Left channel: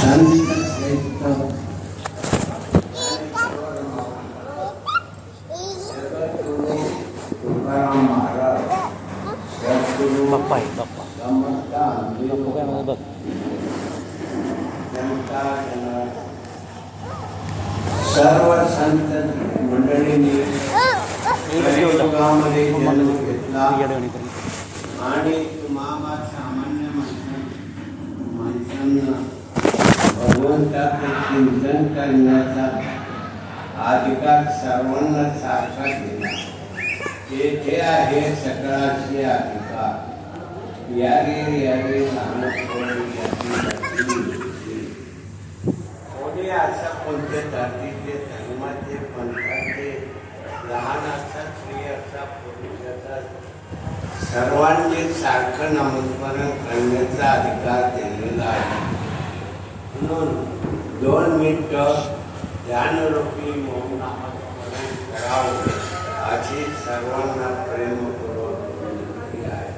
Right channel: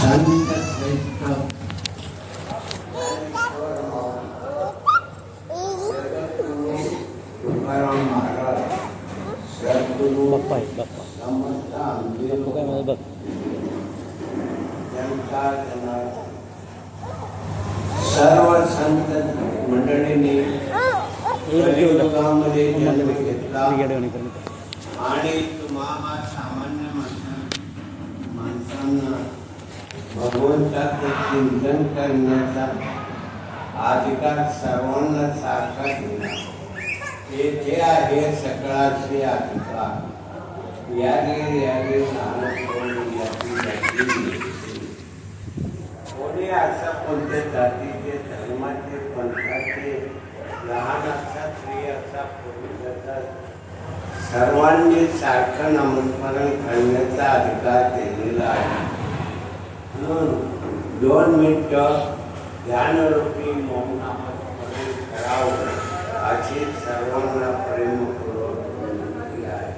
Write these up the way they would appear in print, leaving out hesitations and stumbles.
बाप्पा आहे बाप्पा बाप्पा काय मला बघ सर्व संत मंडळींनी गावामध्ये जन्म घेतला आणि तुम्हाला सामान्य माणसांना भगवंताचं चिंतन करण्याचा अधिकार सर्वांना सारखा दिला. येथे आहे सकळाचे अधिकार. यारे यारे कोणी असं कोणत्या जातीचे धर्माचे पंथाचे लहान असतात स्त्री असतात पुरुष असतात सर्वांनी सारखं नामस्मरण करण्याचा अधिकार दिलेला आहे. म्हणून 2 मिनिटं ध्यानरूपी मौन नामस्मरण करावं अशी सर्वांना प्रेमपूर्वक विनंती आहे.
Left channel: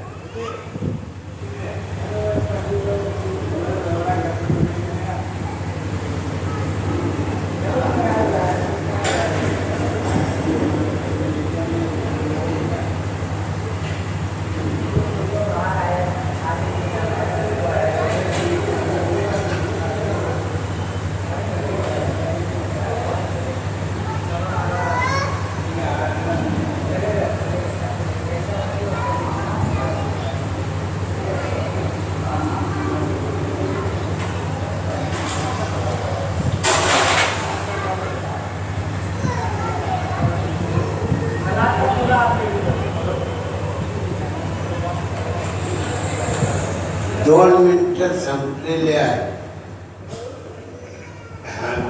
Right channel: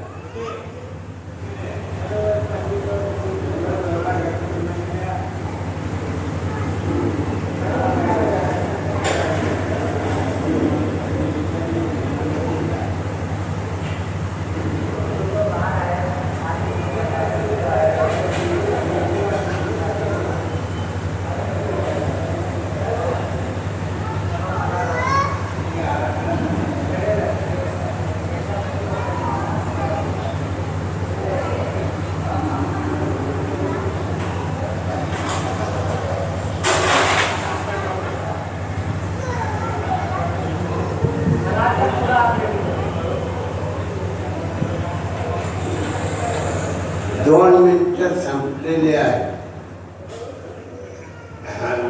2 मिनिटं संपलेले आहे.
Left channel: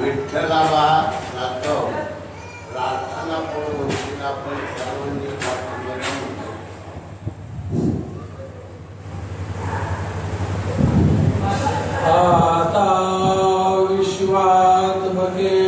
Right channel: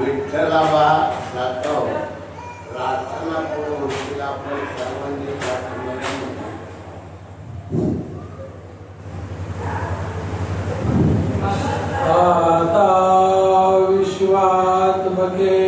विठ्ठलाबा जातो प्रार्थना करून आपण सर्वांनी आता विश्वात्मके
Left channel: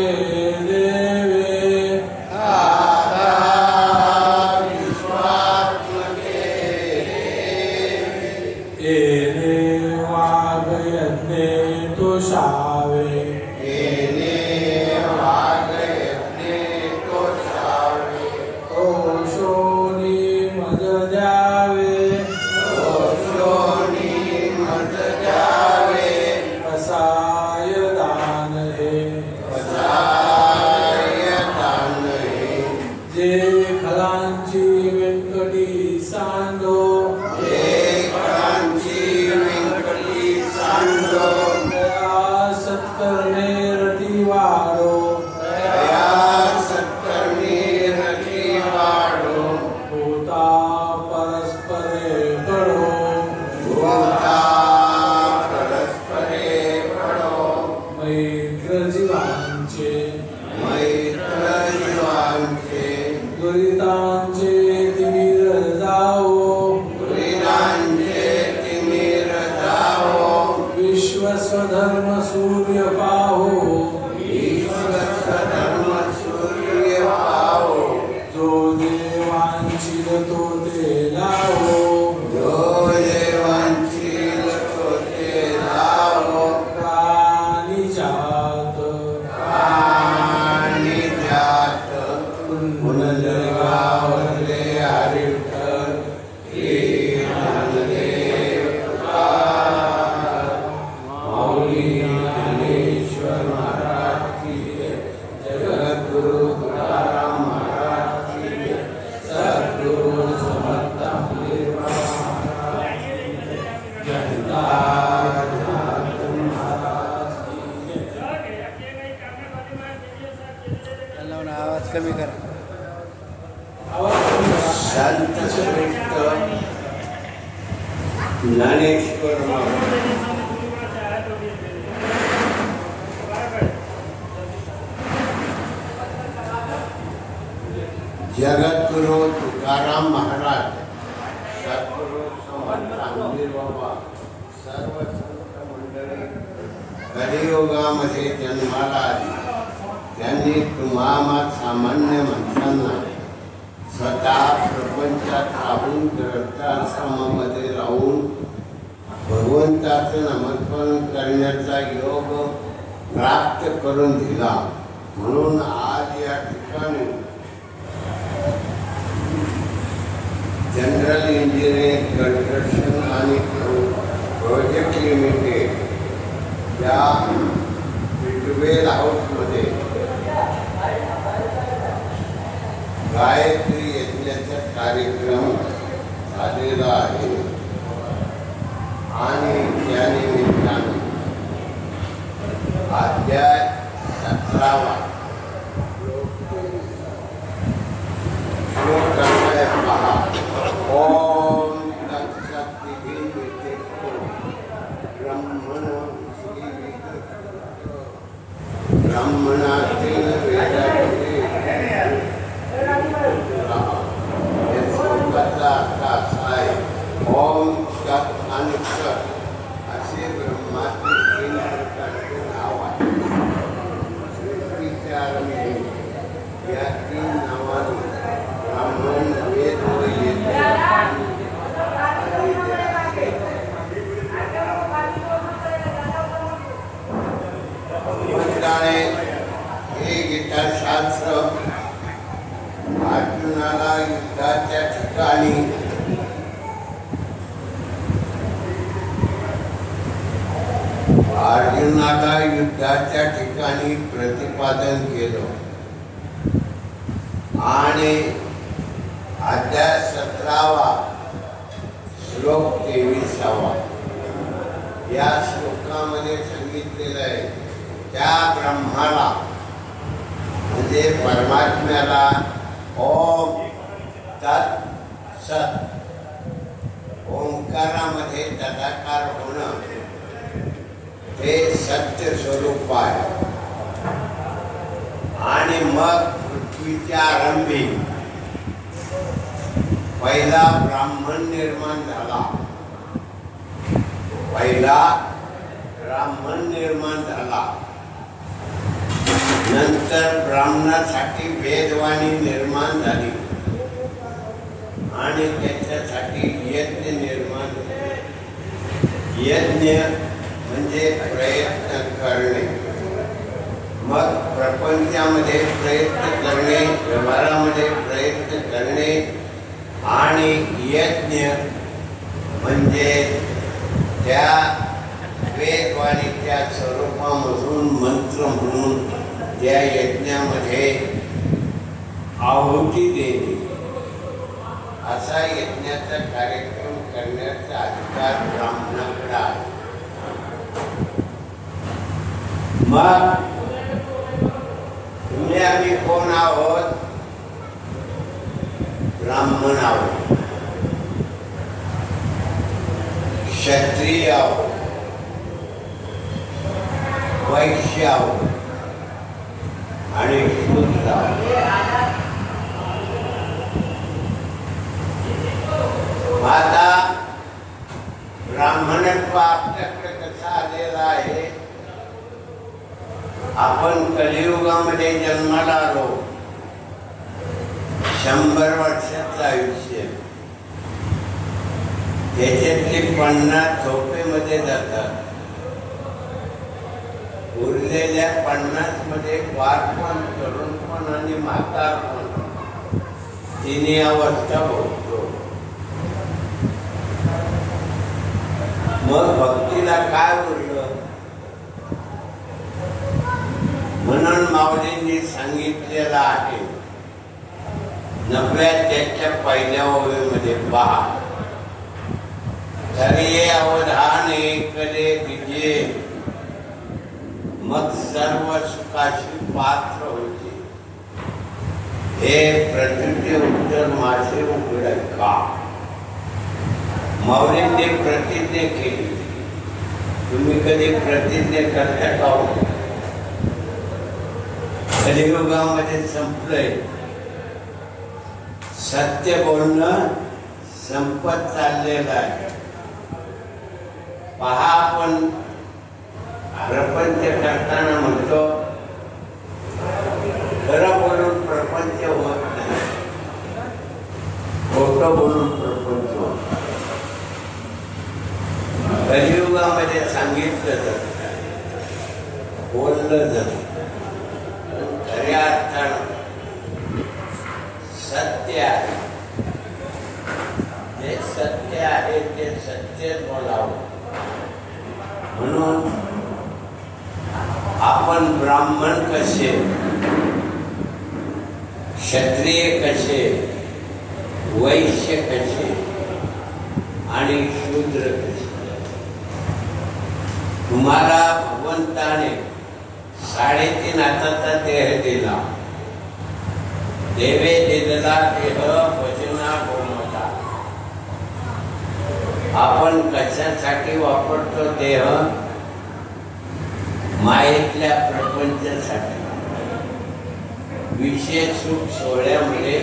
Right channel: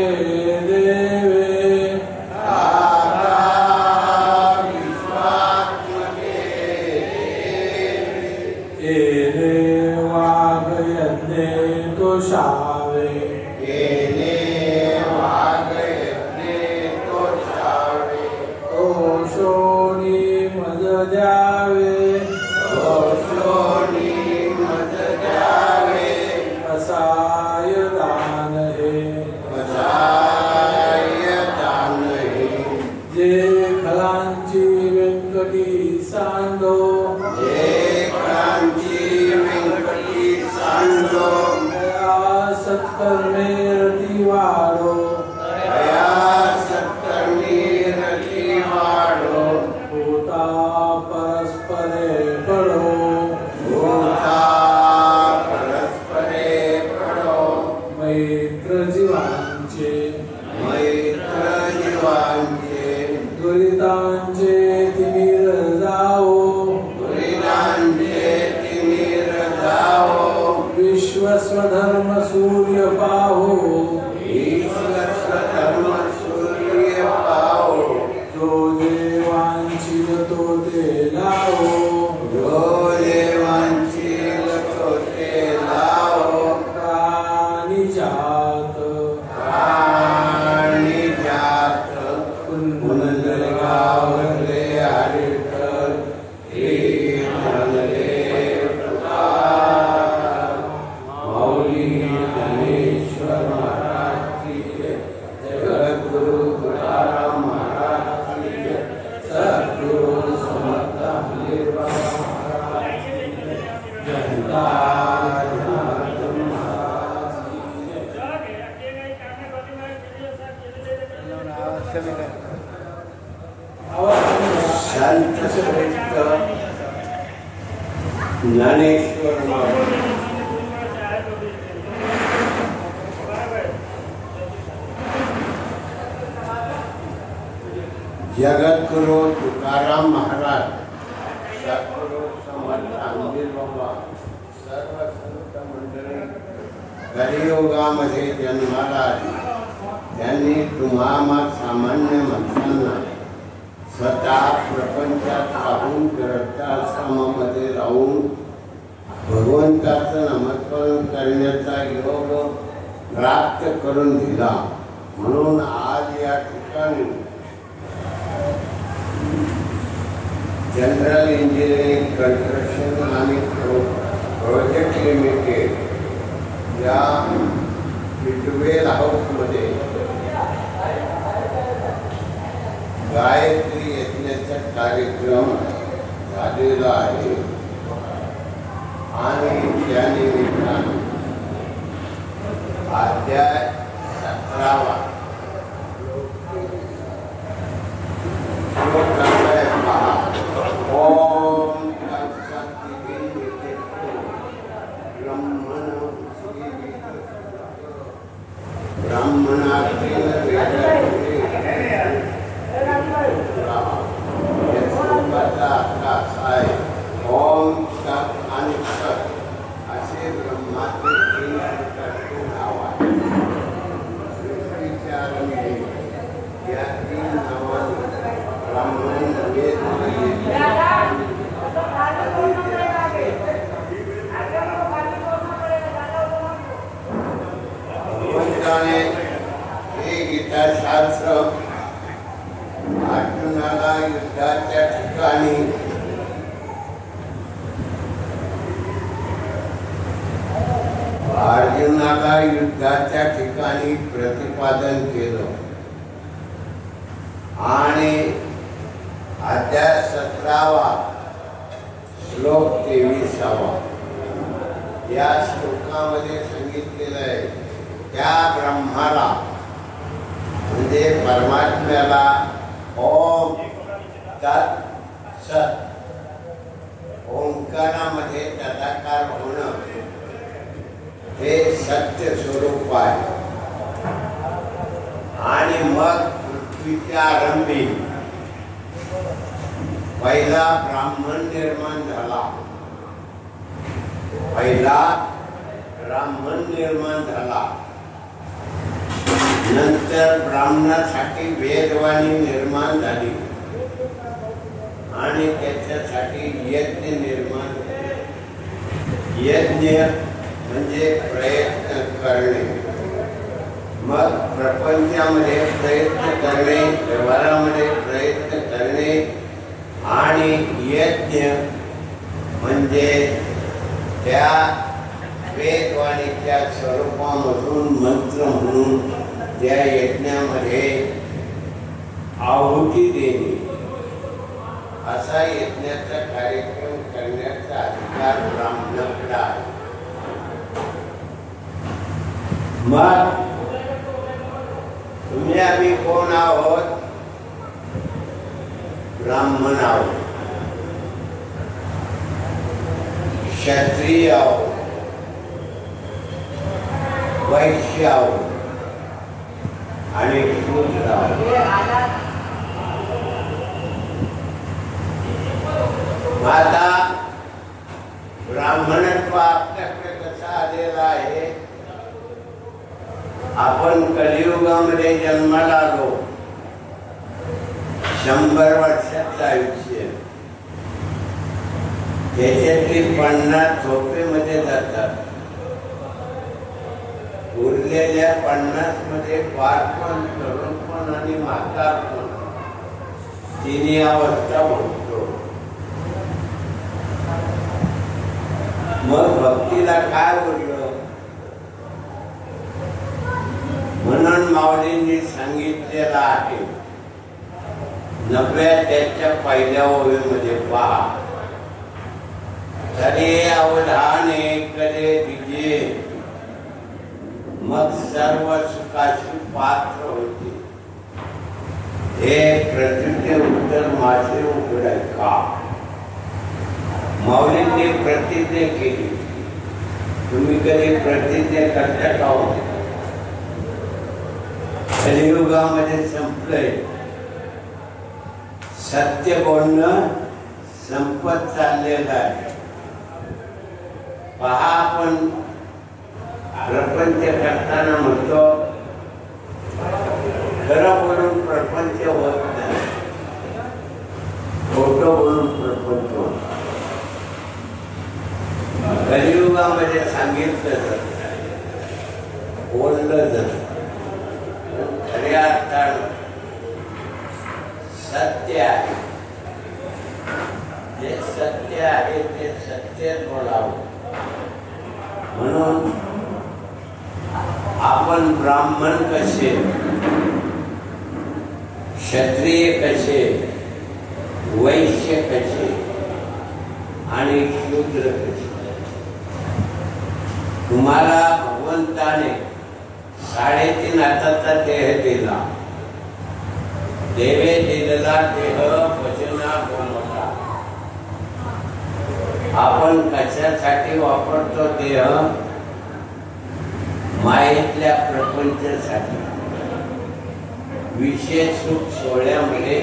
जगद्गुरु तुकाराम महाराज, सद्गुरु समर्थ रामदेव बाबा, सर्व संत मंडळी कलियुगामध्ये जन्माला आली. त्यांनी तुम्हाला सामान्य माणसांना स्वतः प्रपंचात राहून ग्रंथाश्रमामध्ये राहून भगवंताचं नामस्मरण करण्याचा योग प्राप्त करून दिला. म्हणून आज या ठिकाणी जनरल इंजिनिअरिंग कन्स्ट्रक्शन आणि प्रोजेक्ट लिमिटेड या ट्वेल हाऊसमध्ये गायत्री यज्ञाचा कार्यक्रम झालेला आहे आणि त्या निमित्ताने अध्याय 17 श्लोक आहे पहा. ओम तत्सत् ब्रह्मणातेन वेदांते याचा अर्थ असा आहे. ओम तत् आणि सत् असे ब्रह्माचे 3 प्रकारचे नाव आहे. सृष्टीच्या आरंभी या 3 नावाने ब्राह्मण वेद हे गीताशास्त्र अर्जुनाला युद्धाच्या ठिकाणी प्रतिपादन केलं आणि अध्याय 17 श्लोक 23 या श्लोकामध्ये सांगितलेलं आहे त्या ब्रह्माला म्हणजे परमात्म्याला ओम तत् सत् ओंकारामध्ये तदाकार होणं हे सत्य स्वरूप आहे. आणि मग पृथ्वीच्या आरंभी पहिला ब्राह्मण निर्माण झाला. नंतर ब्राह्मणासाठी वेदवाणी निर्माण झाली आणि त्याच्यासाठी यज्ञ निर्माण झाले. यज्ञ म्हणजे प्रयत्न करणे. मग प्रपंचामध्ये प्रयत्न करणे, व्यवहारामध्ये प्रयत्न करणे आणि यज्ञ म्हणजे त्या वेदवाणीच्या स्वरूपामधून मंत्र म्हणून त्या यज्ञामध्ये आहुती देणे असा यज्ञाचा कार्यक्रम करण्याचा अधिकार ब्राह्मणाकडे आहे. मग तुम्ही आम्ही कोण आहोत? ब्राह्मण आहोत, क्षत्रिय आहोत, वैश्य आहोत आणि शूद्र आहोत. आता ब्राह्मणत्व आपल्याकडे कसा आलेला आहे? आपण कलियुगामध्ये जन्माला आलो. 100 वर्षाचं आयुष्य, त्याच्यातली 50 झोपेमध्ये जातात. उरलेल्या 50 मध्ये बालपण, तरुणपण आणि म्हातारपण तिन्ही अवस्था होतो. मग भक्तीला काय उरलं? म्हणून माऊलींनी सांगितलेलं आहे 90 पहिल्या ओळीमध्ये पहा. तरी अवधाने करे दिजे मग सर्व सुखाशी पात्र होते. हे प्रतिज्ञे उत्तर माझे उघड का? माऊलींनी प्रतिज्ञा केली. तुम्ही कधी प्रतिज्ञा करता का? कलियुगामध्ये संपलंय. सत्य बोलणं संपत चाललेलं आहे. पहा, आपण प्रपंच करताना म्हणतो खरं बोलून प्रपंच होत नाही, खोटं बोलून प्रपंच होत. ओळखलं जातं. खऱ्या अर्थानं सत्य आहे, जे सत्य आहे ते सत्यच बोलावं. म्हणून आपण ब्राह्मण कसे, क्षत्रिय कसे, वैश्य कसे आणि शूद्र कसे. तुम्हाला भगवंताने 3.5 हाताचा देह दिला. देवे दिलेला देह भजना बनवला. आपण कशासाठी वापरतो देह? मायेतल्या प्रपंचासाठी. विषय सुख सोहळ्यामध्ये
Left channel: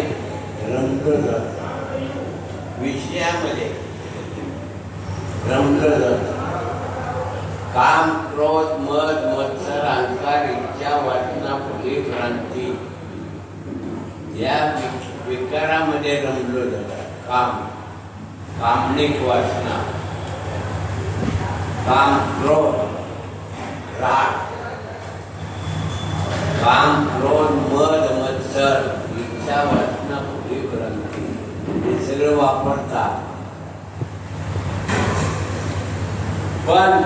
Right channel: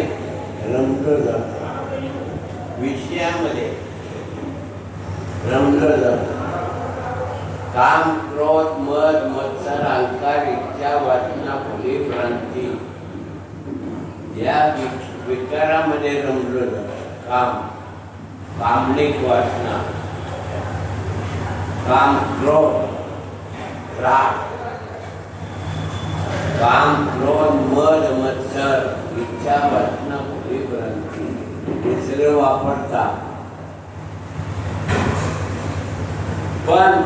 रमलं जातं, विषयामध्ये रमलं जातं. काम, क्रोध, मद, मत्सर, अहंकार, इच्छा, वासना, फुली, भ्रांती या विकारामध्ये रमलं जातं. काम, कामनिक वासना, काम, क्रोध, राग, काम, क्रोध, मद, मत्सर, इच्छा, वासना, फुली, भ्रांती हे सगळं वापरतात. पण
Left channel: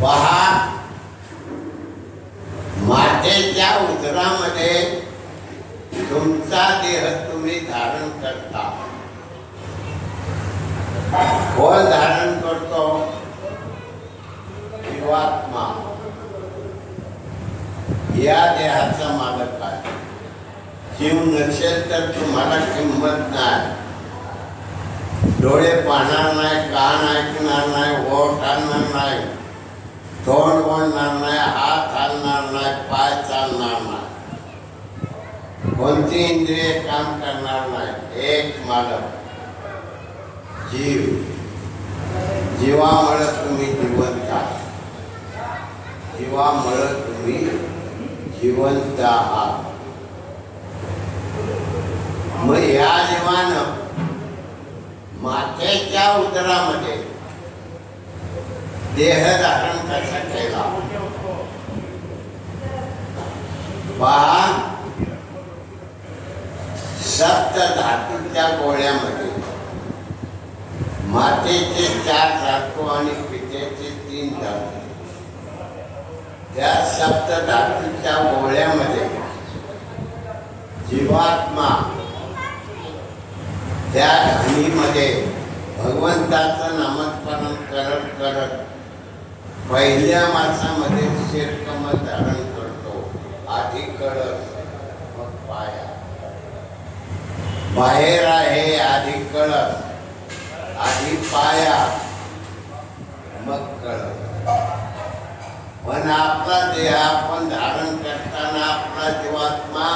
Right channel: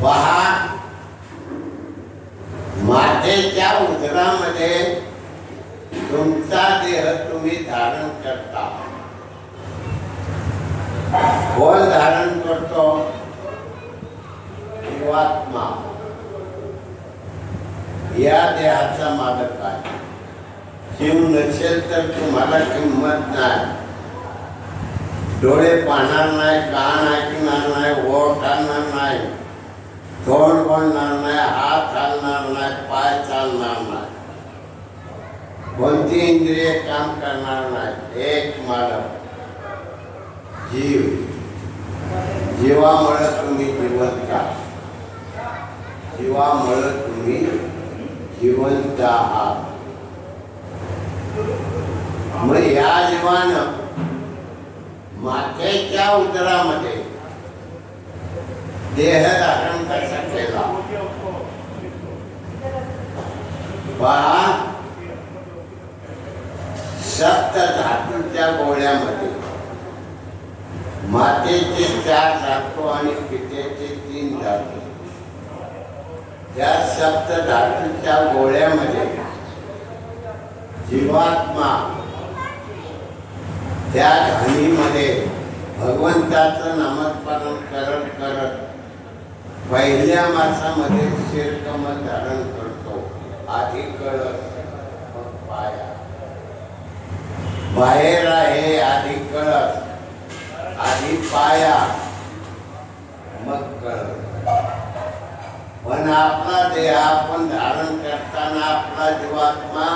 पहा, मातेच्या उदरामध्ये तुमचा देह तुम्ही धारण करता. कोण धारण करतो? जीवात्मा. या देहाचा मालक आहे. जीव नसेल तर तुम्हाला किंमत नाही. डोळे पाहणार नाही, कान ऐकणार नाही, ओठ आणणार नाही, तोंड बोलणार नाही, हात चालणार नाही, पाय चालणार नाही, कोणती इंद्रिय काम करणार नाही. एक मालक जीव. जीवामुळे तुम्ही जिवंत आहात. जीवामुळे तुम्ही जिवंत आहात. मग या जीवानं मातेच्या उदरामध्ये देह धारण कसा केला? पहा, सप्त धातूच्या गोळ्यामध्ये मातेचे 4 धातू आणि पितेचे 3 धातू. त्या सप्त धातूच्या गोळ्यामध्ये जीवात्मा त्या घाणीमध्ये भगवंताचं नामस्मरण करत करत पहिल्या मासामध्ये शिरकमल धारण करतो. आधी कळस, मग पाया. बाहेर आहे आधी कळस, आधी पाया, मग कळस. पण आपला देह आपण धारण करताना आपला जीवात्मा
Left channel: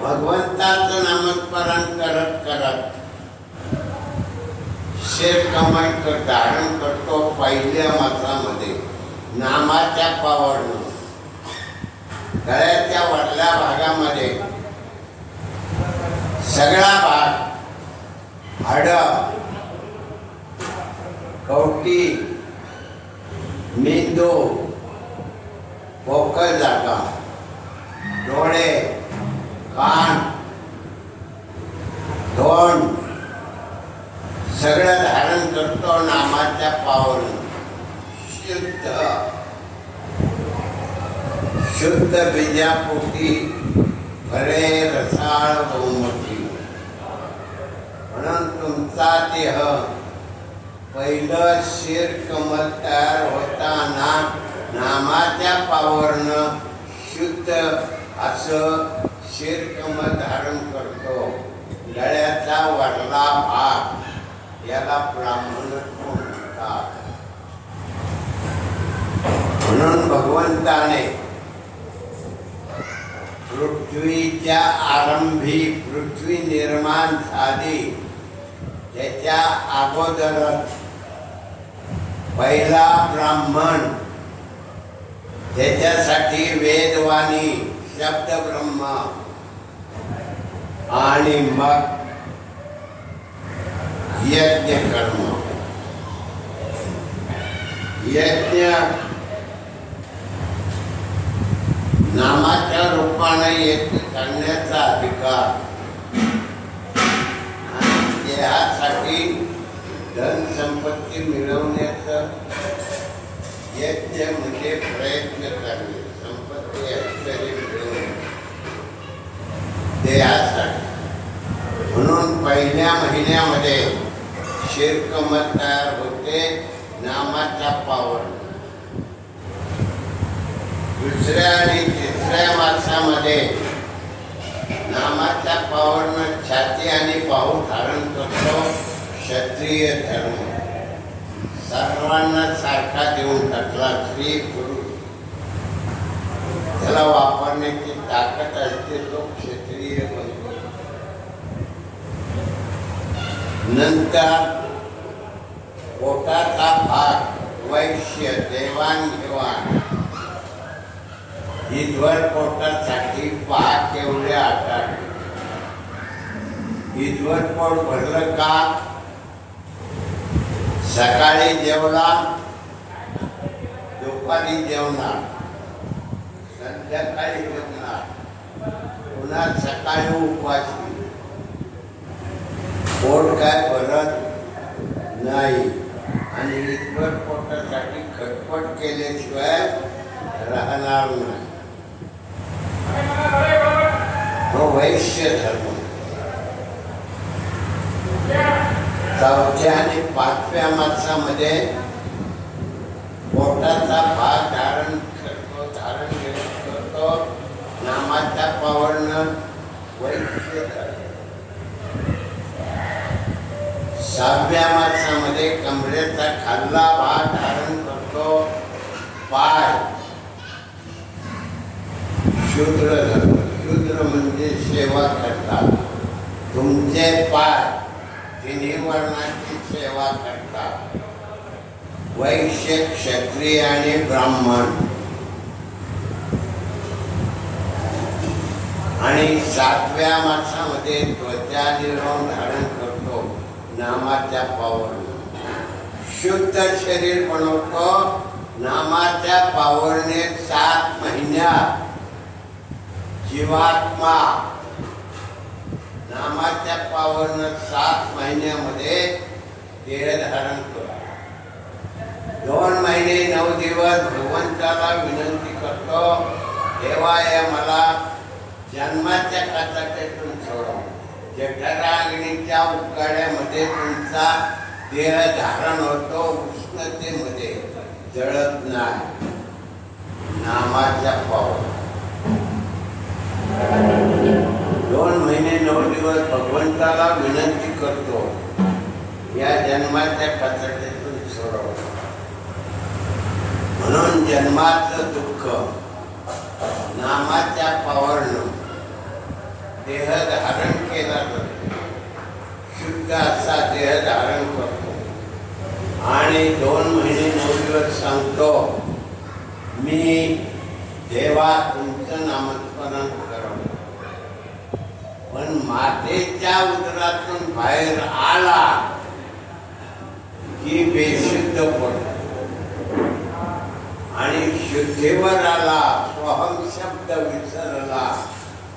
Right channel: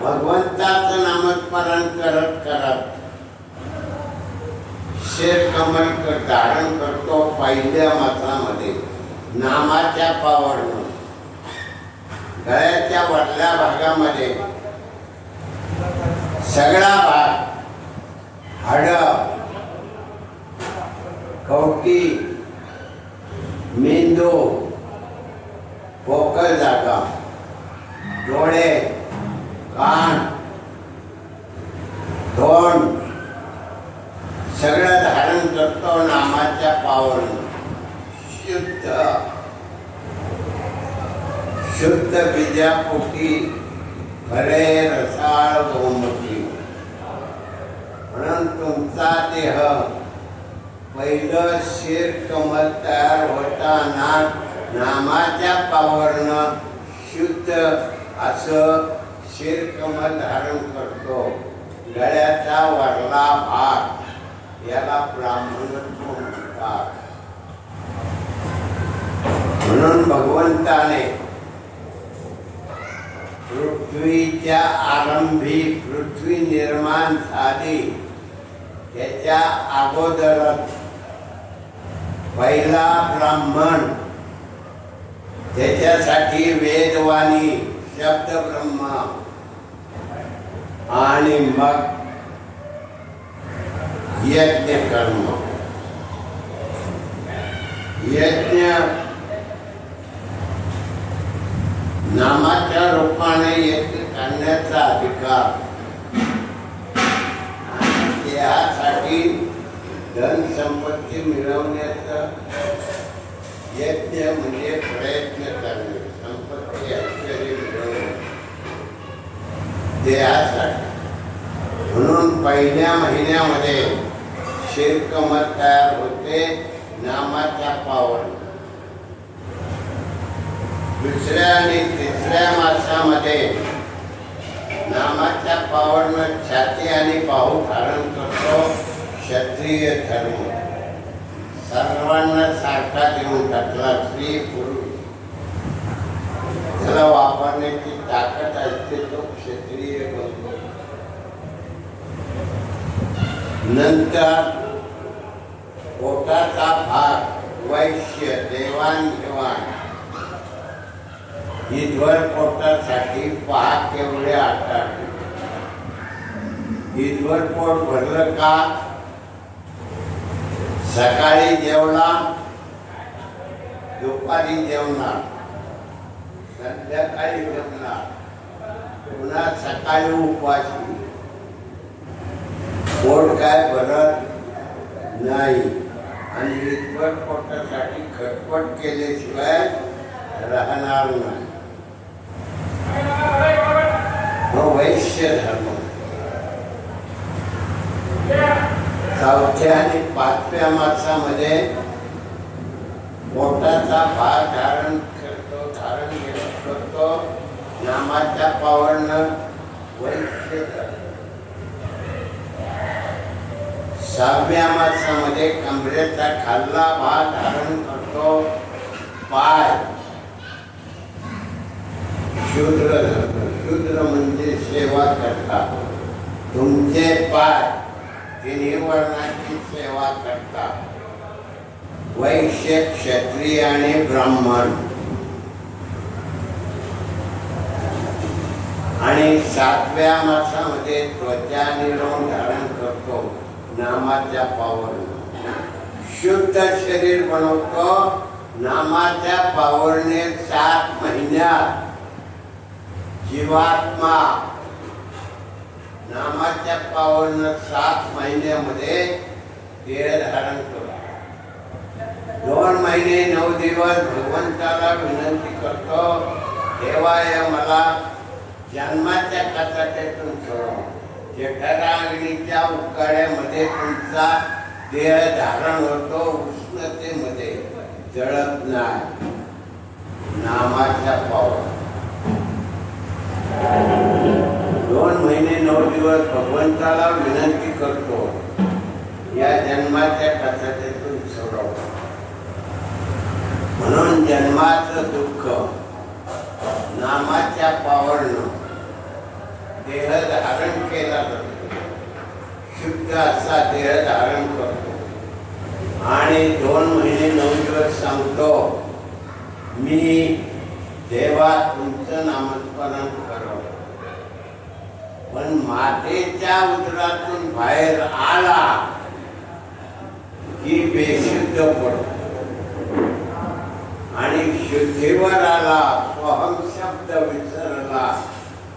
भगवंताचं नामस्मरण करत करत शिरकमल धारण करतो. पहिल्या मासामध्ये नामाच्या पावरनं. गळ्याच्या वरल्या भागामध्ये सगळा भाग, हाडं, कवटी, मेंदू, पोकळ जागा, डोळे, कान, तोंड सगळं धारण करतो नामाच्या पावरनं. शुद्ध बीजापोटी खरे रसाळ गोमटी. म्हणून तुमचा देह पहिलं शिरकमल तयार होताना नामाच्या पावरनं शुद्ध असं शिरकमल धारण करतो. गळ्याचा वरला भाग याला ब्राह्मणत्व म्हणतात. म्हणून भगवंताने पृथ्वीच्या आरंभी पृथ्वी निर्माण झाली त्याच्या अगोदरच पहिला ब्राह्मण, त्याच्यासाठी वेदवाणी शब्द ब्रह्म आणि मग यज्ञ कर्म. यज्ञ नामाच्या रूपाने येथे करण्याचा अधिकार, त्यासाठी धन संपत्ती मिळवण्याचा यज्ञ म्हणजे प्रयत्न करणे, संपत्ती ऐश्वर्य मिळवणे देहासाठी. म्हणून पहिल्या महिन्यामध्ये शिरकमत तयार होते नामाच्या पावर. दुसऱ्या आणि तिसऱ्या मासामध्ये नामाच्या पावरनं छाती आणि बाहू धारण करतो क्षत्रिय धर्म. सर्वांना सारखा देऊन टाकला. स्त्री पुरुष त्याला वापरण्याची ताकद असते तो क्षत्रिय बनतो. नंतर पोटाचा भाग वैश्य देवाणघेवाण. ईदवर पोटासाठी पाक एवढे आटाडले. ईदवर पोट भरलं का सकाळी जेवला, दुपारी जेवणार, संध्याकाळी जेवणार, पुन्हा सकाळी उपवासी. पोट काय भरत नाही आणि ईदवर पोटासाठी खटपट केल्याशिवाय राहणार नाही. वैश्य धर्म. चौथ्या आणि पाचव्या मासामध्ये पोटाचा भाग धारण करतो नामाच्या पावरनं वैश्य धर्म. सहाव्या मासामध्ये कमरेचा खाल्ला भाग धारण करतो पाय, शूद्र धर्म. शूद्र म्हणजे सेवा करतात. तुमचे पाय तिन्ही वर्णाची सेवा करतात. वैश्य, क्षत्रिय आणि ब्राह्मण. आणि सातव्या मासामध्ये त्वचा निर्माण धारण करतो नामाच्या पावरने. शुद्ध शरीर बनवतो नामाच्या पावरने. 7 महिन्यात जीवात्मा नामाच्या पावरनं 7 महिन्यामध्ये देह धारण करतो. 2 महिने 9 दिवस भगवंताला विनंती करतो, देवाय मला जन्माच्या कचाट्यातून सोडा. जठराग्नीच्या उकाड्यामध्ये तुमचा देह धारण होतो, उष्णतेमध्ये जळत नाही. नामाच्या पावर. 2 महिने 9 दिवस भगवंताला विनंती करतो, या जन्माच्या कचाट्यातून सोडव. म्हणून जन्माचं दुःख नामाच्या पावरनं देह धारण केला जातो. शुद्ध असा देह धारण करतो आणि 2 महिने 9 दिवस सांगतो, मी देवा तुमचं नामस्मरण करव. पण मातेच्या उदरातून बाहेर आला की बेशुद्ध पडतो आणि शुद्धीवर आला, स्वहम शब्द विसरला,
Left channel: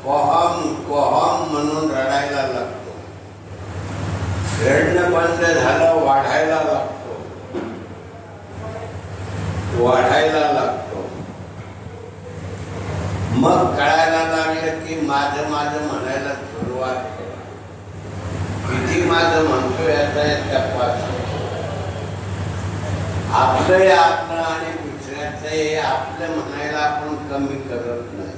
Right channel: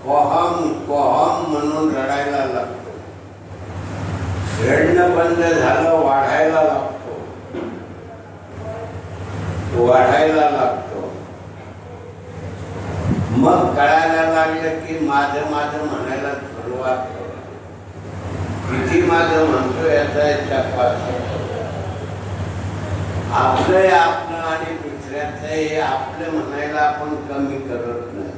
कोहम कोहम म्हणून रडायला लागतो. रडणं बंद झालं, वाढायला लागतो. मग कळायला लागलं की माझं म्हणायला सुरुवात. किती माझं म्हणतो याचा तपास. आपलं आणि दुसऱ्याचं आपलं म्हणायला आपण कमी करत नाही.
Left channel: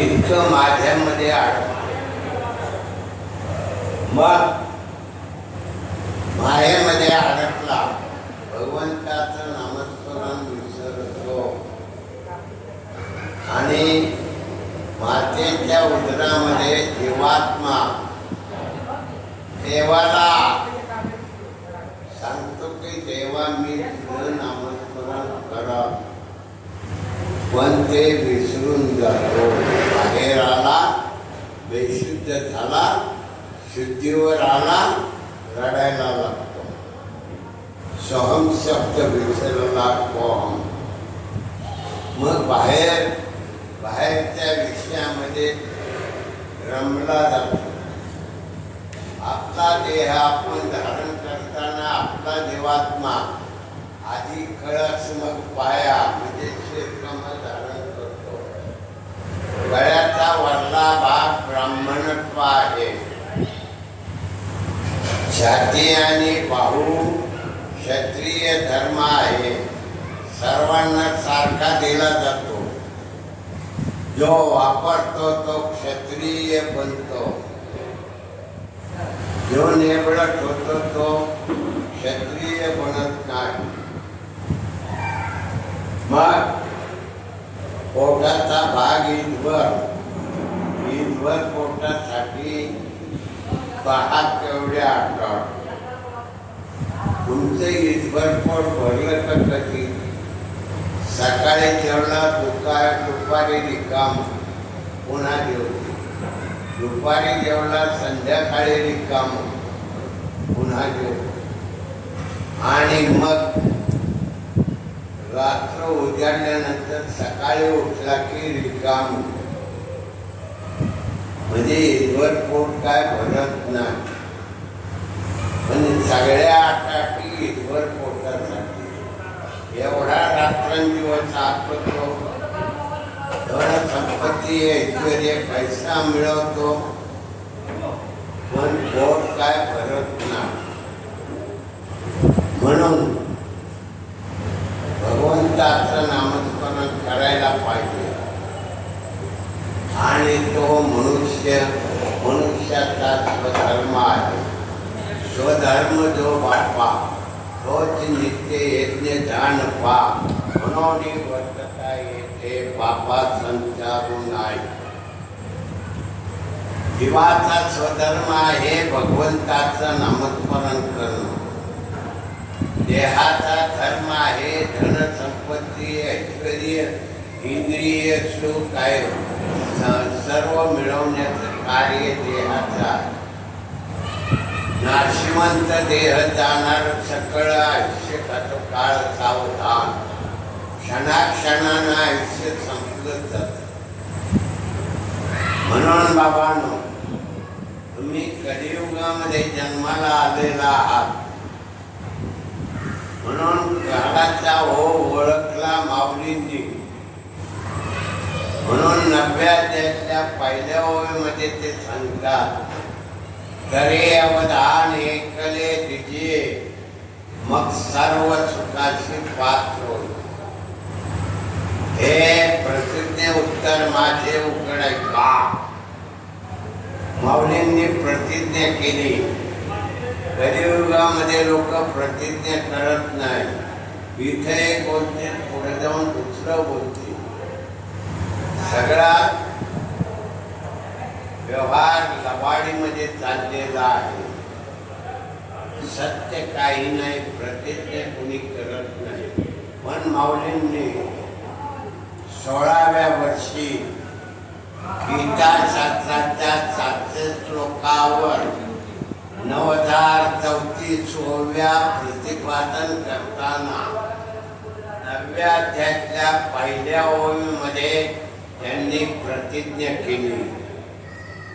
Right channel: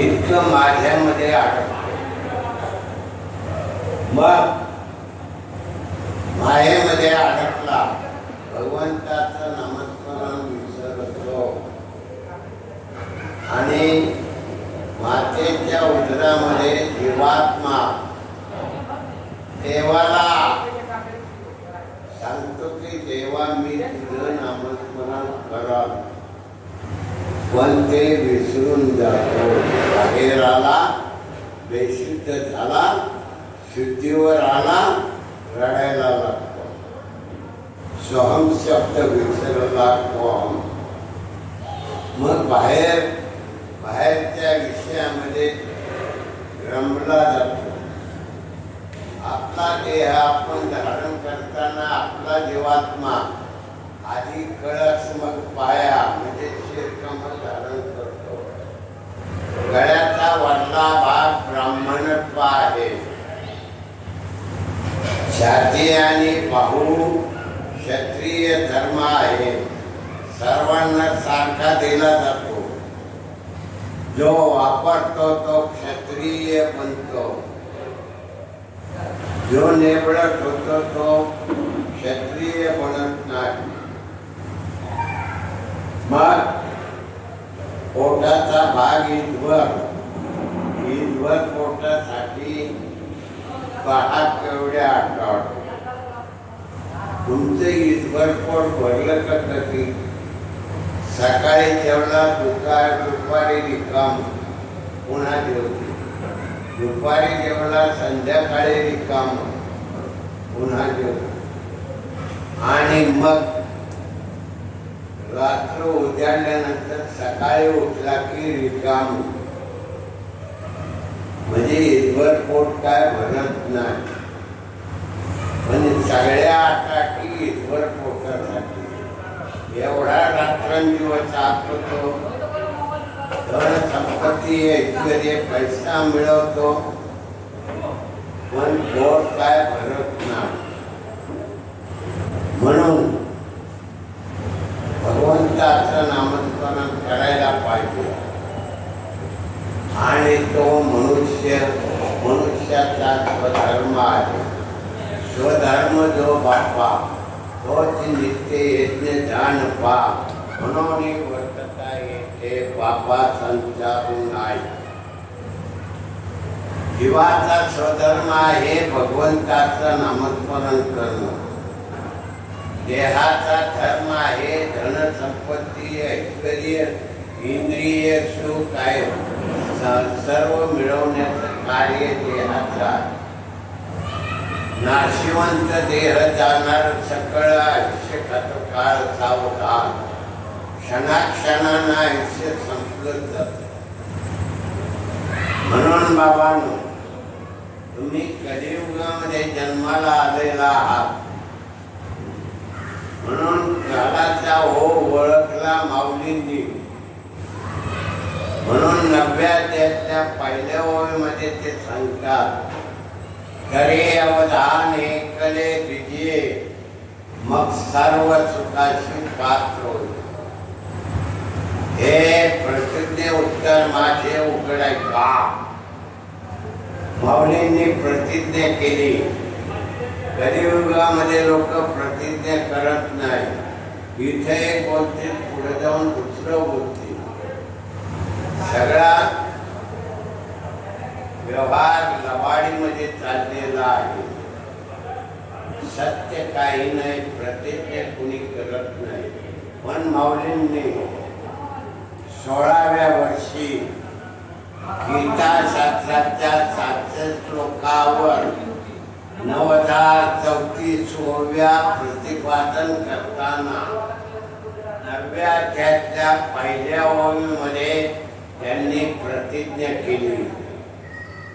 इतकं माझ्यामध्ये अडकलं. मग मायेमध्ये अडकला, भगवंताचं नामस्मरण विसरतो आणि मातेच्या उदरामध्ये जीवात्मा देवाला सांगतो की देवा मी तुझं नामस्मरण करा, पण ते विसरून जातो. बाहेर आला, बेशुद्ध झाला, शुद्धीवर आला, रडायला लागतो. सोहम शब्द विसरला कोहम. मग बाहेर मग पाया म्हणजे शिरकमल धारण करतो. गळ्याचा वरला भाग ब्राह्मणत्व आहे. छाती आणि बाहू क्षत्रिय धर्म आहे. सर्वांना सारखा दिला जातो. जो वापरतो तो क्षत्रिय बनतो. जो नेबळट होतो तो क्षत्रिय बनत नाही. मग पोटाचा भाग ईदवर पोटासाठी 10 केवढे आठवड. तुमचं ईदवर पोट भरलं का कधी? सकाळी जेवला, दुपारी रिकाम, पुन्हा जेवली. दुपारी जेवला, संध्याकाळी रिकाम, पुन्हा जेवली. आणि मग रात्र उजाडल्यानंतर सकाळी उठला की रिकाम. म्हणजे ईदवर पोट काय भरत नाही. पण सगळ्या आटाटी ईदवर पोटासाठी एवढा रात्रंदिवस आपतो. धन संपत्ती ऐश्वर्य पैसा मिळवतो, पण पोट काय भरत नाही. म्हणून भगवंताचं नामस्मरण करायला पाहिजे. आणि तो मनुष्याचा स्वधर्म आहे. स्वधर्म जो बापा तोच नित्य यज्ञ ध्यान पा. म्हणून वर्तता येते पापा संचारू नाही. जीवाचा स्वधर्म आहे भगवंताचं नामस्मरण करणं. देहाचा धर्म आहे धन संपत्ती ऐश्वर्य इंद्रिय सुख आहे. सर्व मिळवण्याचं कार्य देहाचा. नाशिवंत देह जाणार सकळ आयुष्य काळ सावधान. क्षणाक्षणानं आयुष्य संपलं जात. म्हणून बाबांनो, तुम्ही कलियुगामध्ये जन्माला आलेला आहात. म्हणून काळाचा ओळखला माऊलींनी. म्हणून 90 अध्यायाच्या पहिल्या ओळीमध्ये ते सांगतात, करे अवधान एकले दिजे मग सर्व सुखाशी पात्र होईल. हे प्रसिद्ध उत्तर माझे उघड का? माऊलींनी प्रतिज्ञा केली. कलियुगामध्ये लोक प्रतिज्ञा करत नाही. इथे एक बोलते, पुढे जाऊन दुसरं बोलते. सगळा व्यवहार लवाडीमध्ये चाललेला आहे. सत्य काही नाही, प्रतिज्ञा कुणी करत नाही. पण माऊलींनी 16व्या वर्षी गीता शास्त्राच्या 700 श्लोकावर 9034व्या प्रतिपादन करताना 9व्या अध्यायाच्या पहिल्या ओळीमध्ये त्यांनी प्रतिज्ञा केली.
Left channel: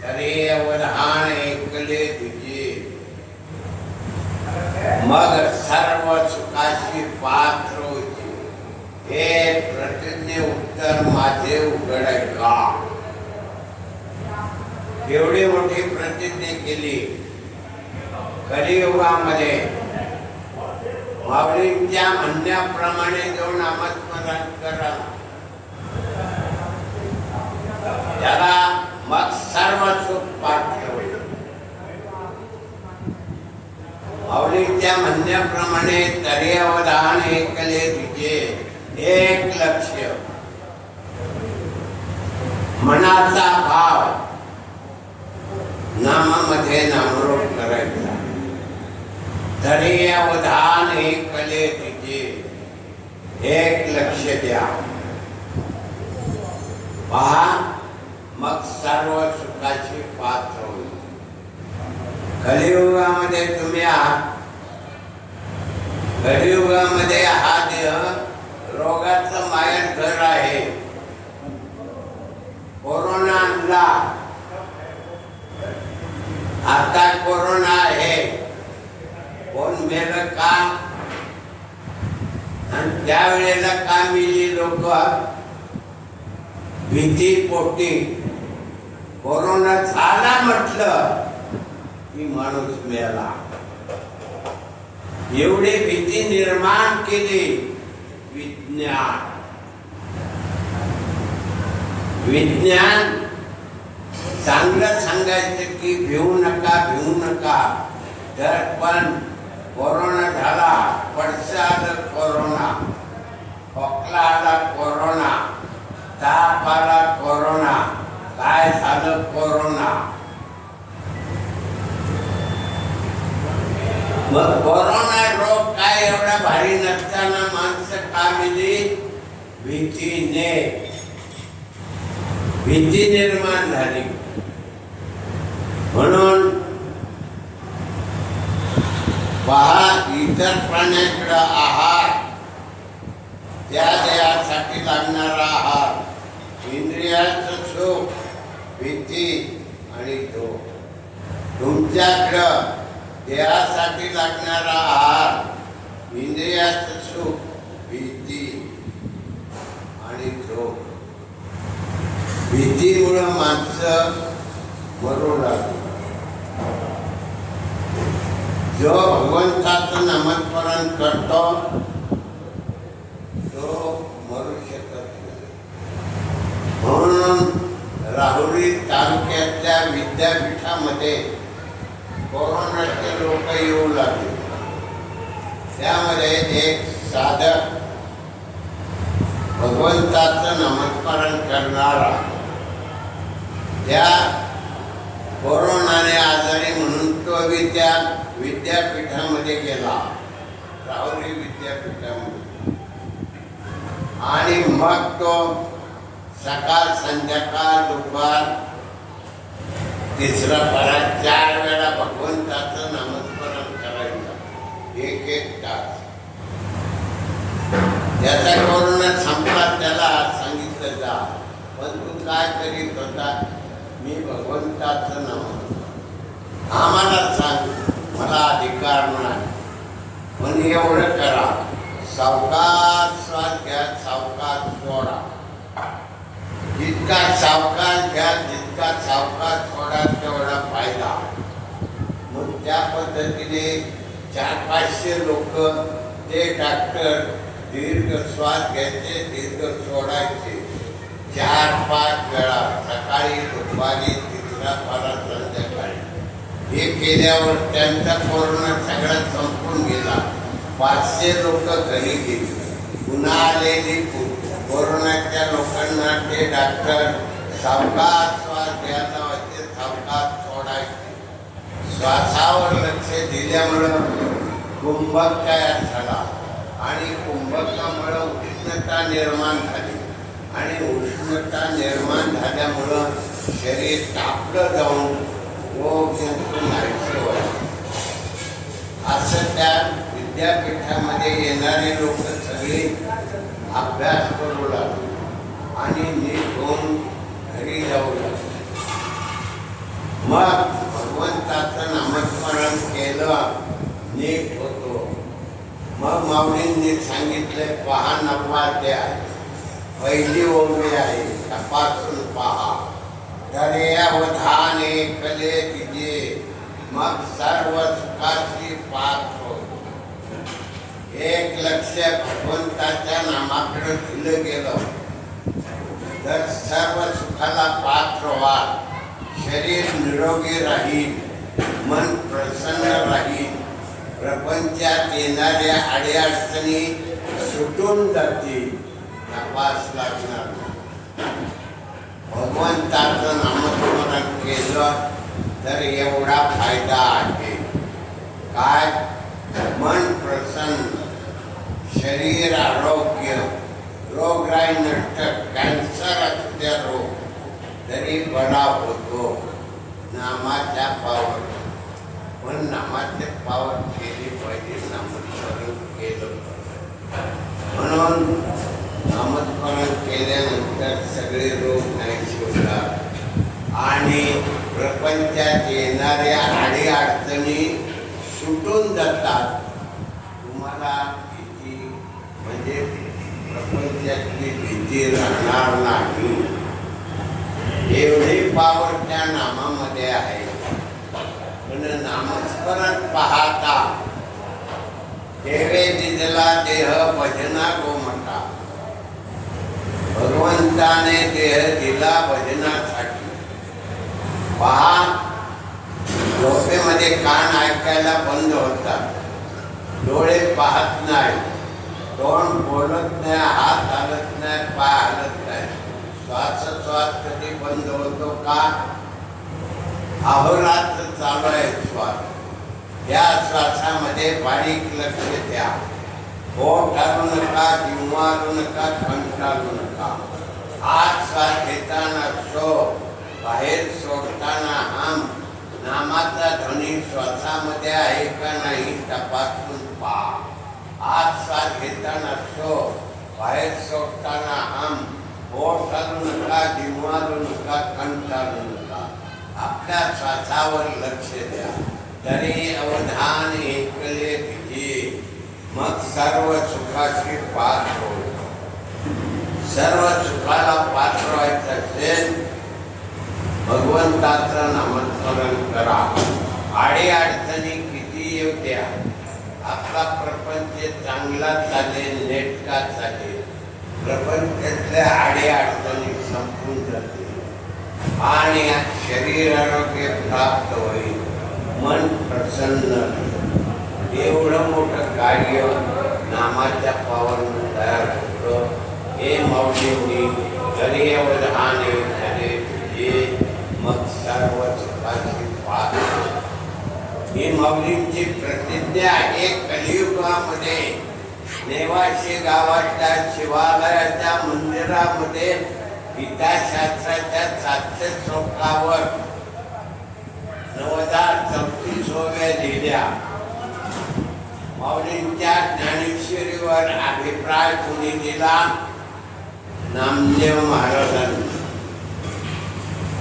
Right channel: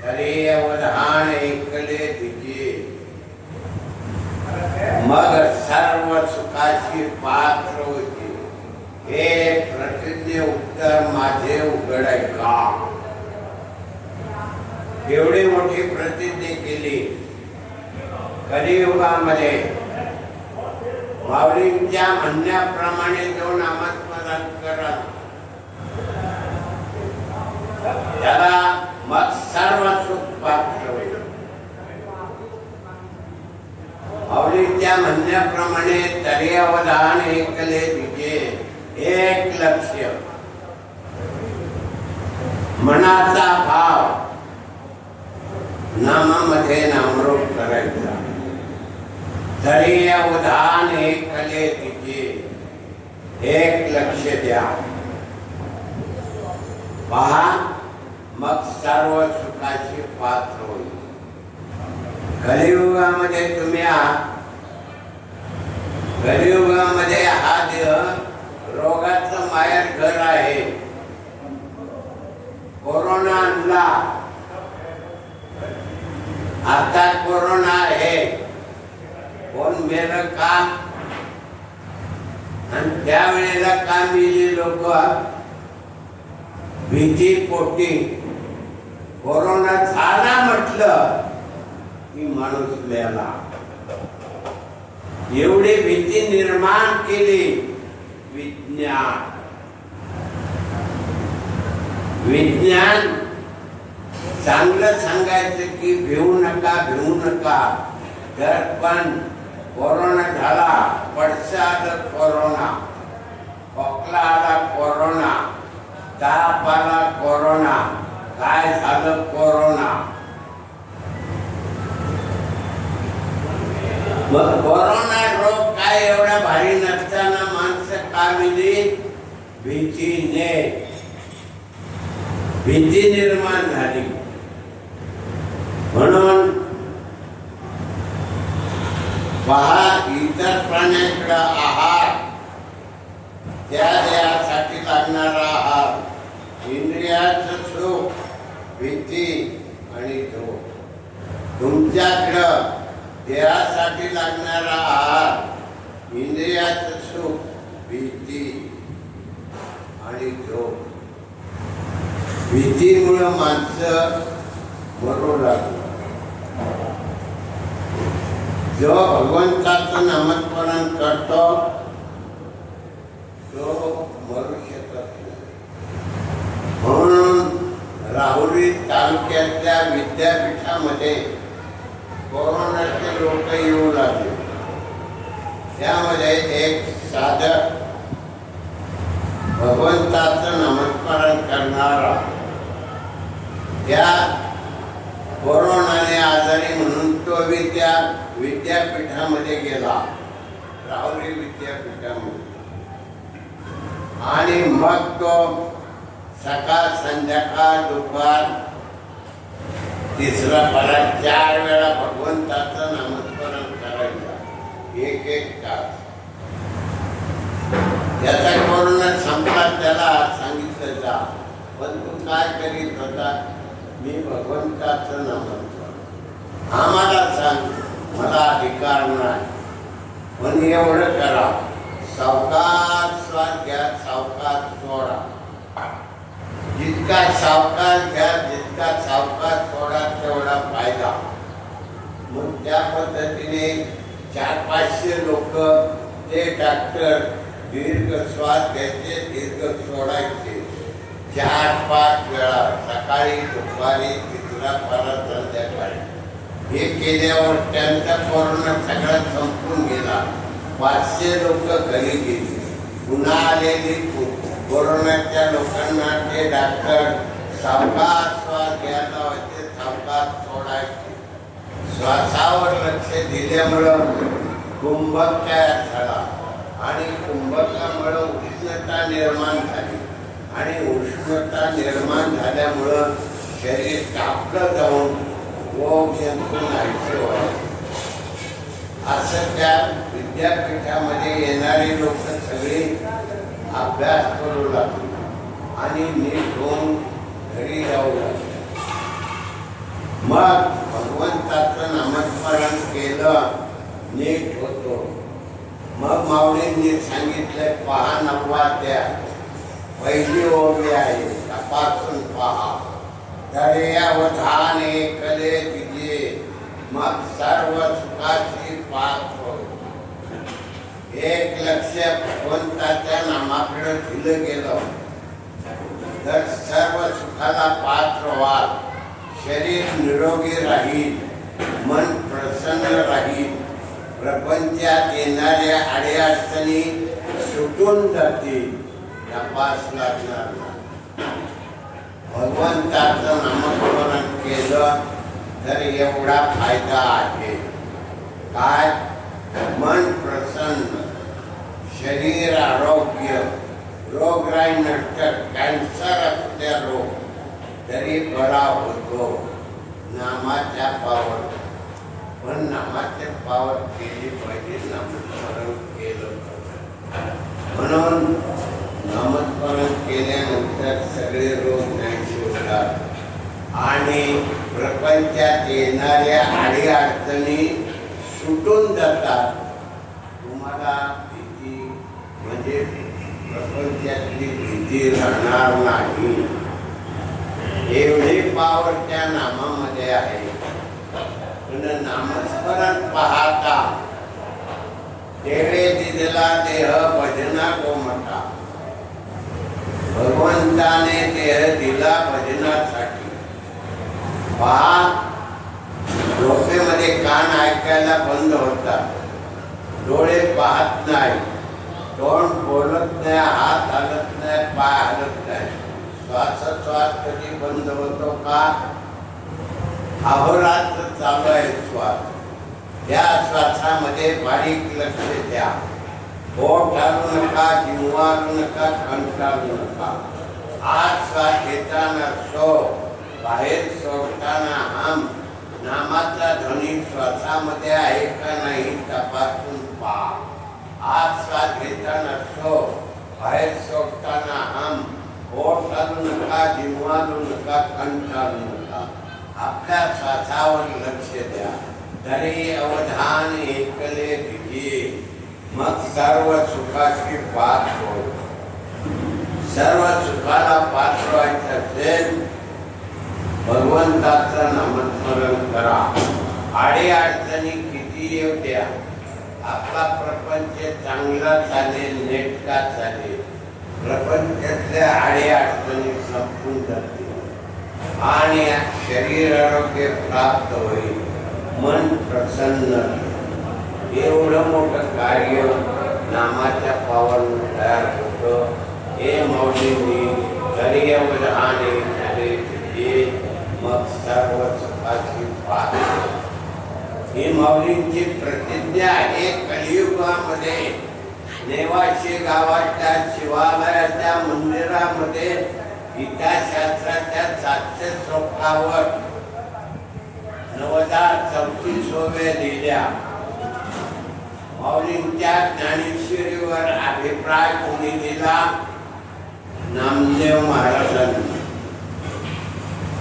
तरी अवधान ऐकले तुझे मग सर्व सुखाशी पात्र होते. हे प्रतिज्ञे उत्तर माझे उघड का? एवढी मोठी प्रतिज्ञा केली. कलियुगामध्ये माऊलींच्या म्हणण्याप्रमाणे जो नामस्मरण करा त्याला मग सर्व सुख प्राप्त होईल. माऊलींच्या म्हणण्याप्रमाणे तरी अवधान ऐकले तुझे एक लक्ष्य. मनाचा भाव नामामध्ये नामरूप करायचा. तरी अवधान ऐकले तुझे एक लक्ष द्या. पहा मग सर्व सुखाची पात्र होईल. कलियुगामध्ये तुम्ही आहात. कलियुगामध्ये हा देह रोगाचं मायर घर आहे. कोरोना आणला, आता कोरोना आहे. कोण मेलं का? आणि त्यावेळेला काय मिळली लोक भीती पोटी कोरोना झाला म्हटलं की माणूस मेला, एवढी भीती निर्माण केली विज्ञान. विज्ञान चांगलं सांगायचं की भिवू नका भिवू नका, तर पण कोरोना झाला, पडसा आलं कोरोना, खोकला आला कोरोना, ताप आला कोरोना, काय झालं कोरोना. मग कोरोना रोग काय एवढा भारी नसताना माणसं का मिली? भीतीने, भीती निर्माण झाली. म्हणून पहा, इतर प्राण्यांकडे आहार, त्या देहासाठी लागणारा आहार, इंद्रियाचं सुख, भीती आणि झोप. तुमच्याकडं देहासाठी लागणारा आहार, इंद्रियाचं सुख, भीती आणि झोप. भीतीमुळे माणसं मरू लागली. जो भगवंताचं नामस्मरण करतो तो मरू शकत नाही. म्हणून राहुरी तालुक्यातल्या विद्यापीठामध्ये कोरोनाचे लोक येऊ लागले. त्यामध्ये एक साधक भगवंताचं नामस्मरण करणारा या कोरोनाने आजारी म्हणून तो त्या विद्यापीठामध्ये गेला, राहुरी विद्यापीठामध्ये. आणि मग तो सकाळ संध्याकाळ दुपार तिसरा परत 4 वेळा भगवंताचं नामस्मरण करायचं, 1-1 तास. त्याचा कोरोना संपला, त्याला सांगितलं जा, पण तू काय करीत होता? मी भगवंताचं नामस्मरण. आम्हाला सांग, मला अधिकार नाही, पण एवढं करा, सावकाश श्वास घ्या, सावकाश सोडा. जितका सावकाश घ्या, जितका सावकाश सोडा, तेवढा फायदा. मग त्या पद्धतीने 400-500 लोक, ते डॉक्टर दीर्घ श्वास घ्यायचे, दीर्घ सोडायचे 4-5 वेळा, सकाळी दुपारी तिसरा परत संध्याकाळी. हे केल्यावर त्यांचा कोरोना सगळा संपून गेला. 500 लोक घरी गेली. पुन्हा आलेली कोरोनाच्या लोकांना ते डॉक्टर सावकाश श्वास घ्यायला लावायचे, सावकाश सोडायचे. श्वासावर लक्ष दिल्यामुळं कुंभक तयार झाला आणि कुंभकामुळे उष्णता निर्माण झाली आणि उष्णता निर्माण झाल्यामुळं शरीर तापलं जाऊन रोग जंतू नाहीसे व्हायचे. असं त्या विद्यापीठामध्ये येणारे लोक सगळे अभ्यास करू लागले आणि नीट होऊन घरी जाऊ लागले. मग भगवंताचं नामस्मरण केलं, नीट होतो. मग माऊलींनी सांगितलंय, पहा 9वा अध्याय, पहिली ओवी आहे, तपासून पहा. दरे अवधान एकले तिजे, मग सर्व सुखाची पाच होय. एक लक्ष भगवंताच्या नामाकडे दिलं गेलं तर सर्व सुखाला पात्र व्हाल. शरीर निरोगी राहील, मन प्रसन्न राहील, प्रपंचात येणाऱ्या अडीअडचणी सुटून जातील. तपास लागणार. भगवंताचं नामस्मरण केलं तर एवढा फायदा आहे. काय? मन प्रसन्न, शरीर आरोग्य, रोगराई नष्ट, कॅन्सर असल्या रोग तरी बरा होतो नामाच्या पावर. पण नामाचे पावर केली पाहिजे, नामस्मरण केलं पाहिजे. म्हणून नामस्मरण केल्यानंतर सगळे रोग नाहीसे होतात आणि प्रपंचात येणाऱ्या अडीअडचणी सुटून जातात. तुम्हाला तिची म्हणजे प्रपंचातली भीती राहणार नाही, एवढी पावर त्या नामामध्ये आहे. पण नामस्मरण पाहता देवे दिला देह भजना गोमटा, भगवंताने देह दिला भजनासाठी. पहा, झोपेमध्ये कान ऐकायला बंद होतात, डोळे पाहत नाही, तोंड बोलत नाही, हात हलत नाही, पाय हलत नाही. श्वासोच्छ्वास कधी बंद होतो का? अहोरात्र चालू आहे श्वास. या श्वासामध्ये बारीक लक्ष द्या. ओठ हलवू नका, जिव्हा हलवू नका, कंठ हलवू नका. आत श्वास घेताना सो, बाहेर सोडताना हम. नामाचा ध्वनी श्वासामध्ये आहे का नाही तपासून पहा. आत श्वास घेताना सो, बाहेर सोडताना हम. ओठ हलवू नका, जिव्हा हलवू नका, कंठ हलवू नका. आपल्या श्वासावर लक्ष द्या. तरी अवधान एकले दिली, मग सर्व सुखाशी पात्र होईल. सर्व सुखाला पात्र व्हायचं असेल भगवंताचं नामस्मरण करा. आडी अडचणी किती येऊ द्या, आपला प्रपंच चांगला चालेल, नेटका चालेल. प्रपंचातल्या आडी अडचणी संपून जातील आणि शरीर आरोग्य प्राप्त होईल, मन प्रसन्न. एवढं मोठं कार्य नामाच्या पावनं तयार होतं. हे माऊलींनी तरी अवधाने झाले तुझे, मग सर्व सुखाची पात्र. ही माऊलींची प्रतिज्ञा आहे. कलियुगामध्ये नेवाशी गावाच्या शिवालयाच्या मंदिरामध्ये गीताशास्त्राच्या 700 श्लोकावर 9034 दिल्या. माऊलींच्या ज्ञानेश्वरीवर अभिप्राय कोणी दिला? नामदेव महाराजांनी.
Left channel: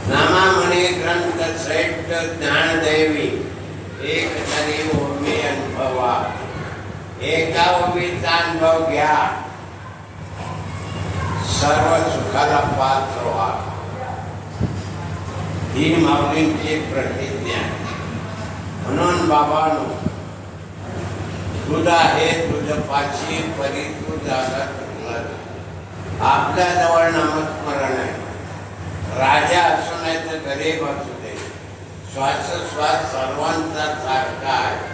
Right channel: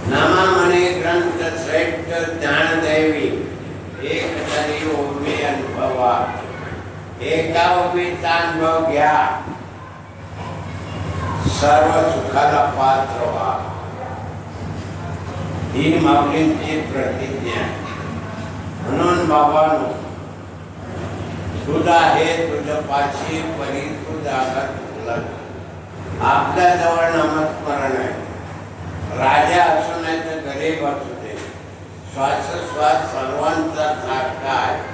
नामा म्हणे ग्रंथ श्रेष्ठ ज्ञानदैवी, एक तरी ओवी अनुभवा. एका ओवीचा अनुभव घ्या, सर्व सुखाला पात्र व्हा. ही माऊलींची प्रतिज्ञा. म्हणून बाबांनो, तुझ आहे तुझ पाशी परी तुझा. आपल्या जवळ नामस्मरण आहे. राजा असू नाही तर गरीब असू दे, श्वासोश्वास सर्वांचा सारखा आहे.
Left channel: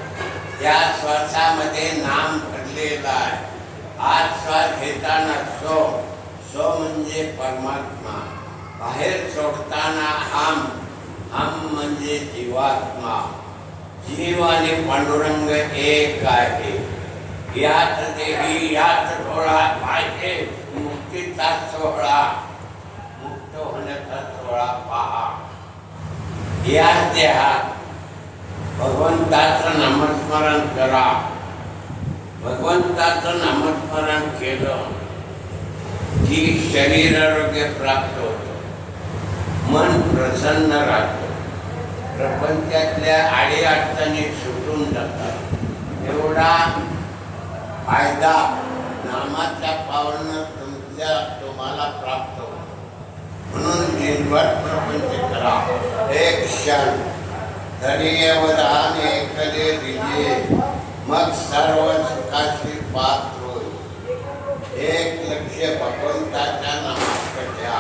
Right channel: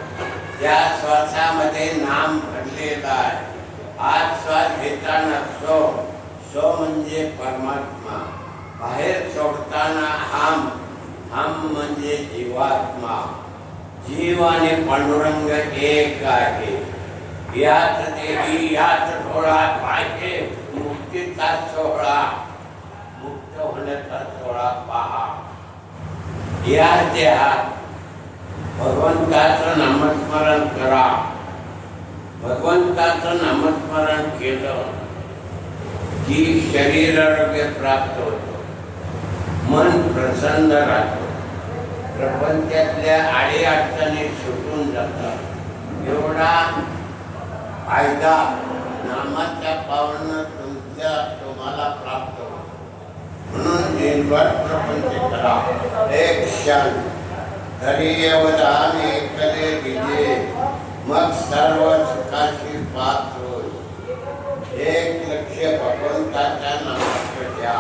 त्या श्वासामध्ये नाम भरलेला आहे. आज श्वास घेताना सो, सो म्हणजे परमात्मा. बाहेर सोडताना हम, हम म्हणजे जीवात्मा. जीव आणि पांडुरंग एक आहे. यात देही यात डोळा पाहिजे मुक्तीचा सोहळा. मुक्त होण्याचा सोहळा पहा. या देहात भगवंताचं नामस्मरण करा. भगवंताचं नामस्मरण केलं की शरीर आरोग्य प्राप्त होतं, मन प्रसन्न राहतं, प्रपंचातल्या आडी अडचणी सुटून जातात. एवढा फायदा नामाच्या पावनं तुम्हाला प्राप्त होतो. म्हणून दिनभर प्रपंच करा. एक क्षण तरी अवधान एकले दिले, मग सर्व सुखाशी पात्र होईल. एक लक्ष भगवंताच्या नामात द्या.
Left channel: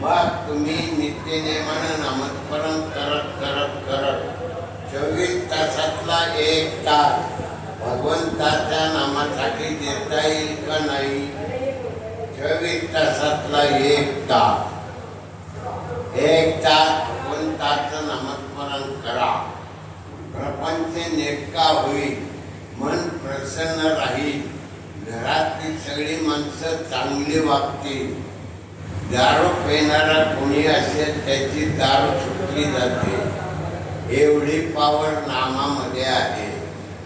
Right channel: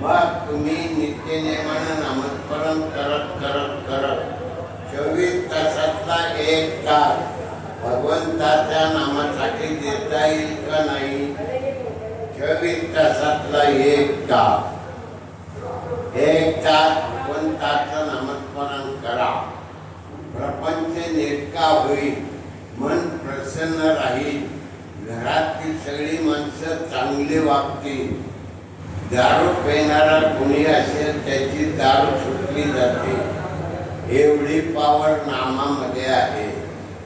मग तुम्ही नित्यनेमानं नामस्मरण करत करत करत 24 तासातला 1 तास भगवंताच्या नामासाठी देता येईल का नाही? 24 तासातला 1 तास, 1 तास भगवंताचं नामस्मरण करा. प्रपंच नेटका होईल, मन प्रसन्न राहील, घरातली सगळी माणसं चांगली वागतील. दारू पिणारा कोणी असेल त्याची दारू सुटली जाते. एवढी पावर नामामध्ये आहे.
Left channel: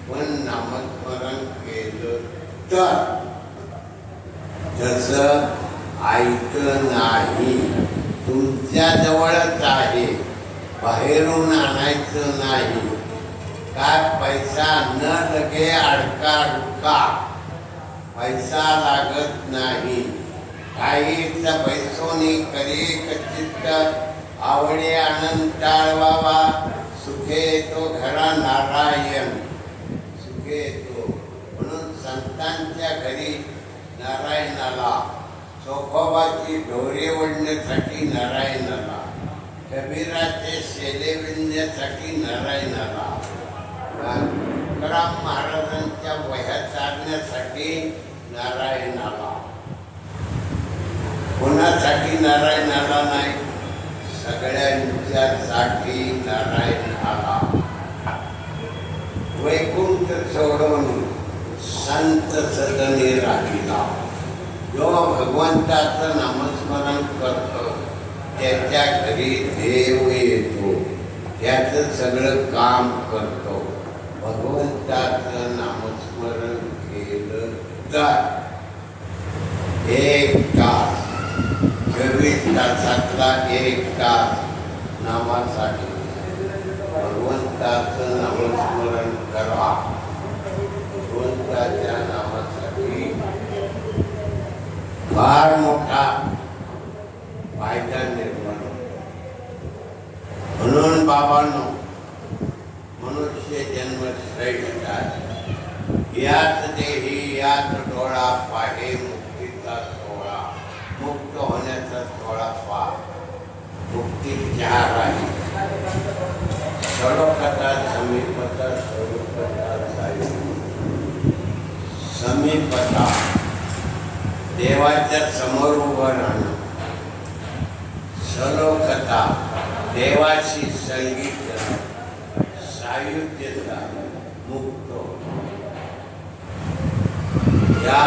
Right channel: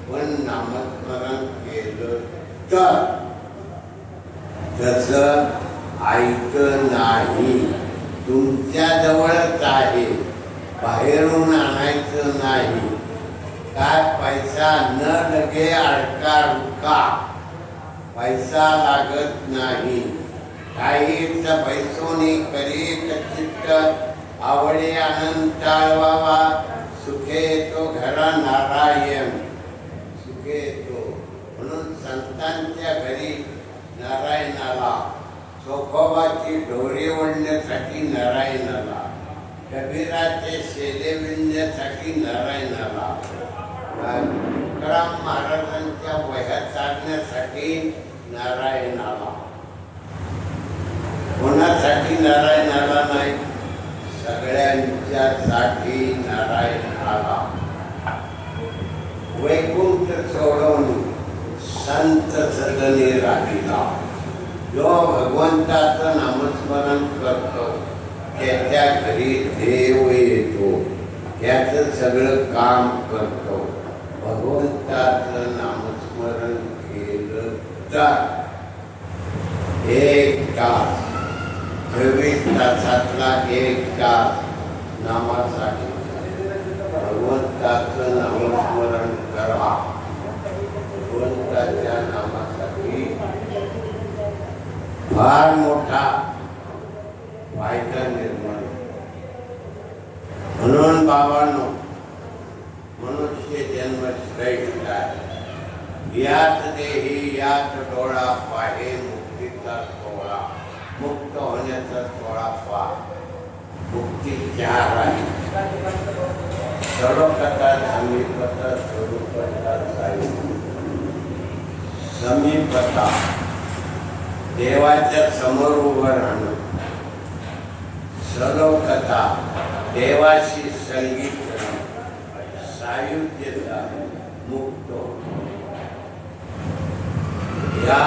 पण नामस्मरण केलं तर तसं ऐकलं नाही. तुमच्या जवळच आहे, बाहेरून आणायचं नाही. काय पैसा न लगे अडका रुका. पैसा लागत नाही, काहीच पैसोनी करे चित्त, आवडे आनंद टाळवावा, सुखे येतो घरा नारायण, सुखे येतो. म्हणून संतांच्या घरी नारायणाला, चोखोबाची ढोरे ओढण्यासाठी नारायणाला, कबीराचे शेले विणण्यासाठी नारायणाला, तुकाराम महाराजांच्या वह्या चालण्यासाठी नारायणाला. कोणासाठी नारायणाला नाही, सगळ्यांच्यासाठी नारायणाला. वैकुंठ सोडून संत सदनी राहिला. जो भगवंताचं नामस्मरण करतो त्याच्या घरी देव येतो, त्याचं सगळं काम करतो. भगवंताचं नामस्मरण केलं तर 1 तास, 24 तासातला 1 तास नामासाठी भगवंताचं नामस्मरण करा. भगवंताच्या नामासाठी फार मोठा फायदा निर्माण. म्हणून बाबांनो, मनुष्य जन्म श्रेष्ठ आहे. याच देही याच डोळा पाहे मुक्तीचा सोहळा. मुक्त होण्याचा सोहळा पहा. मुक्ती 4 आहे. सडोकता, समीपता, स्वरूपता, समीपता देवाच्या समोर उभं राहणं. सलोकता देवाशी संगीत, सायुज्यता, मुक्त. या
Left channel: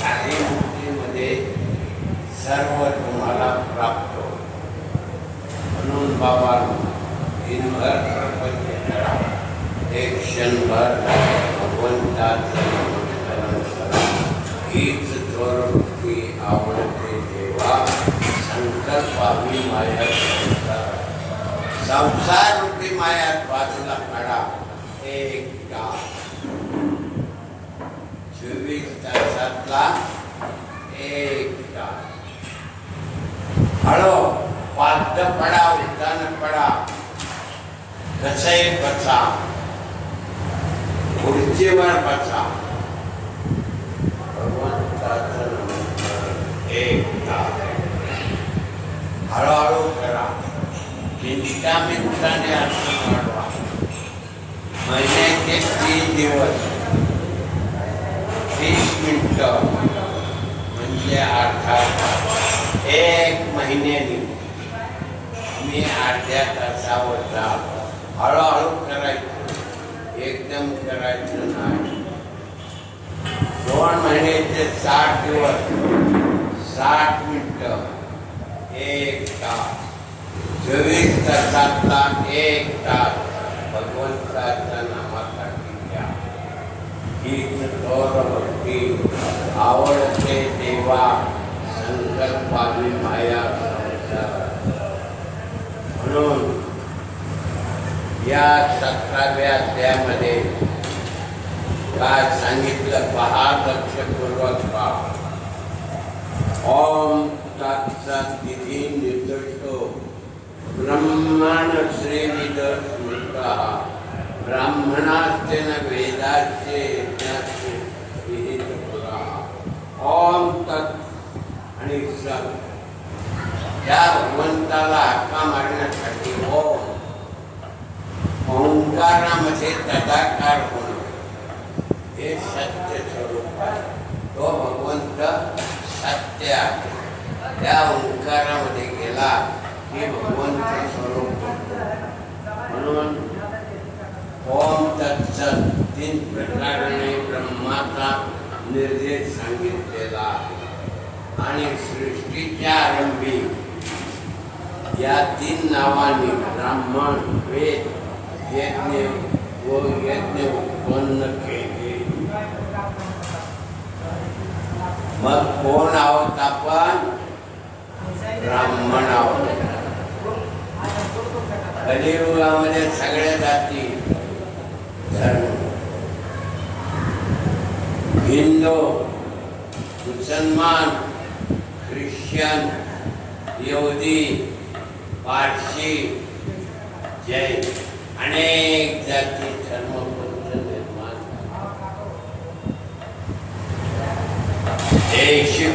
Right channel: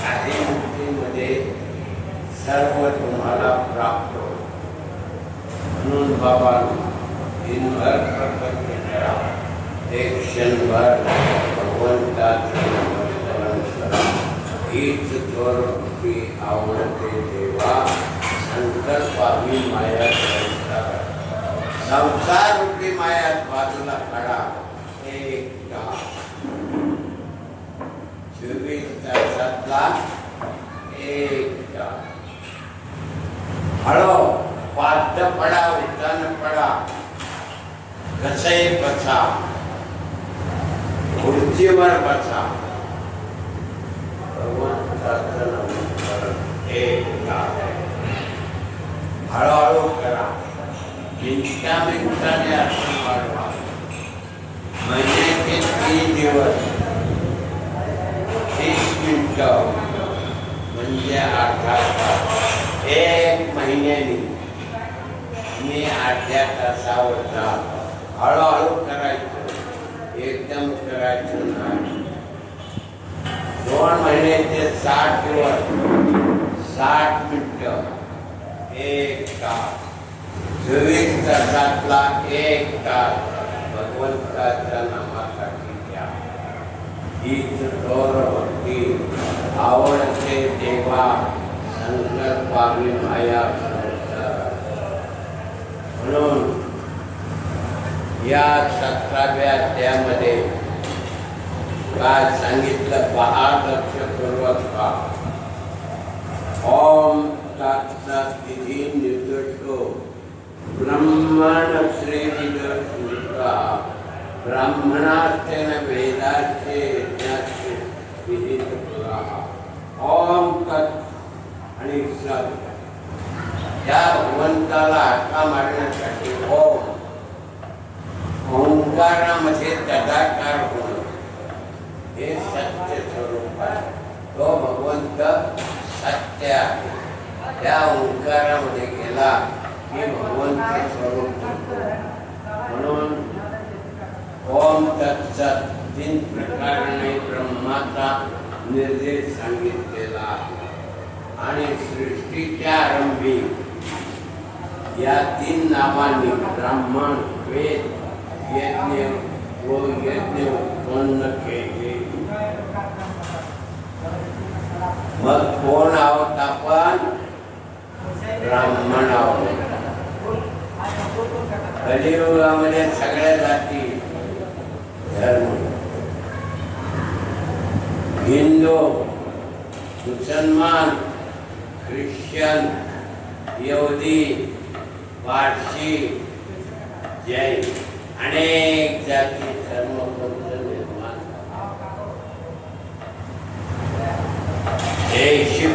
शाही मुक्तीमध्ये सर्व तुम्हाला प्राप्त हो. म्हणून बाबा दिनभर प्रपंच करा, एक क्षणभर भगवंताचं नामस्मरण करा. हीच थोरकी आवडते देवा, संकल्पावी माया संसार. संसार रूपी मायात बाजूला काढा. 1 तास, 24 तासातला 1 तास. हळो पाद पडा, उद्यान पडा, कसंही बसा, खुर्चीवर बसा. भगवंताचं नामस्मरण 1 तास. हळूहळू करा. मिनिटाने आपण वाढवा. महिन्याचे 3 दिवस 30 मिनिटं म्हणजे अर्धा तास. 1 महिन्याने मी अर्ध्या तासावर जा. हळूहळू करायचं, एकदम करायचं नाही. 2 महिन्याचे 60 दिवस 60 मिनिटं 1 तास. 24 तासातला 1 तास भगवंताच्या नामासाठी द्या. हीच थोरकी आवडते देवा, संकल्पावी माया संसार. म्हणून या 17व्या अध्यायामध्ये काय सांगितलं पहा, लक्षपूर्वक पहा. ओम तत्सदिति निर्दिष्टो ब्रह्मण श्रीविद स्मृता, ब्राह्मणास्तेन वेदाचे यज्ञाचे विहित पुराः. ओम तत् आणि सत. त्या भगवंताला हाका मारण्यासाठी ओम, ओंकारामध्ये तदाकार होणं, हे सत्य स्वरूप आहे. तो भगवंत सत्य आहे. त्या ओंकारामध्ये गेला की भगवंत स्वरूप होतो. म्हणून ओम तत्सत 3 प्रकाराने ब्रह्माचा निर्देश सांगितलेला आहे. आणि सृष्टीच्या आरंभी या 3 नावांनी ब्राह्मण, वेद, यज्ञ व यज्ञ उत्पन्न केले. मग कोण आहोत आपण? ब्राह्मण आहोत. कलियुगामध्ये सगळ्या जाती धर्म हिंदू, मुसलमान, ख्रिश्चन, यहुदी, पारशी, जैन अनेक जाती धर्म निर्माण येशू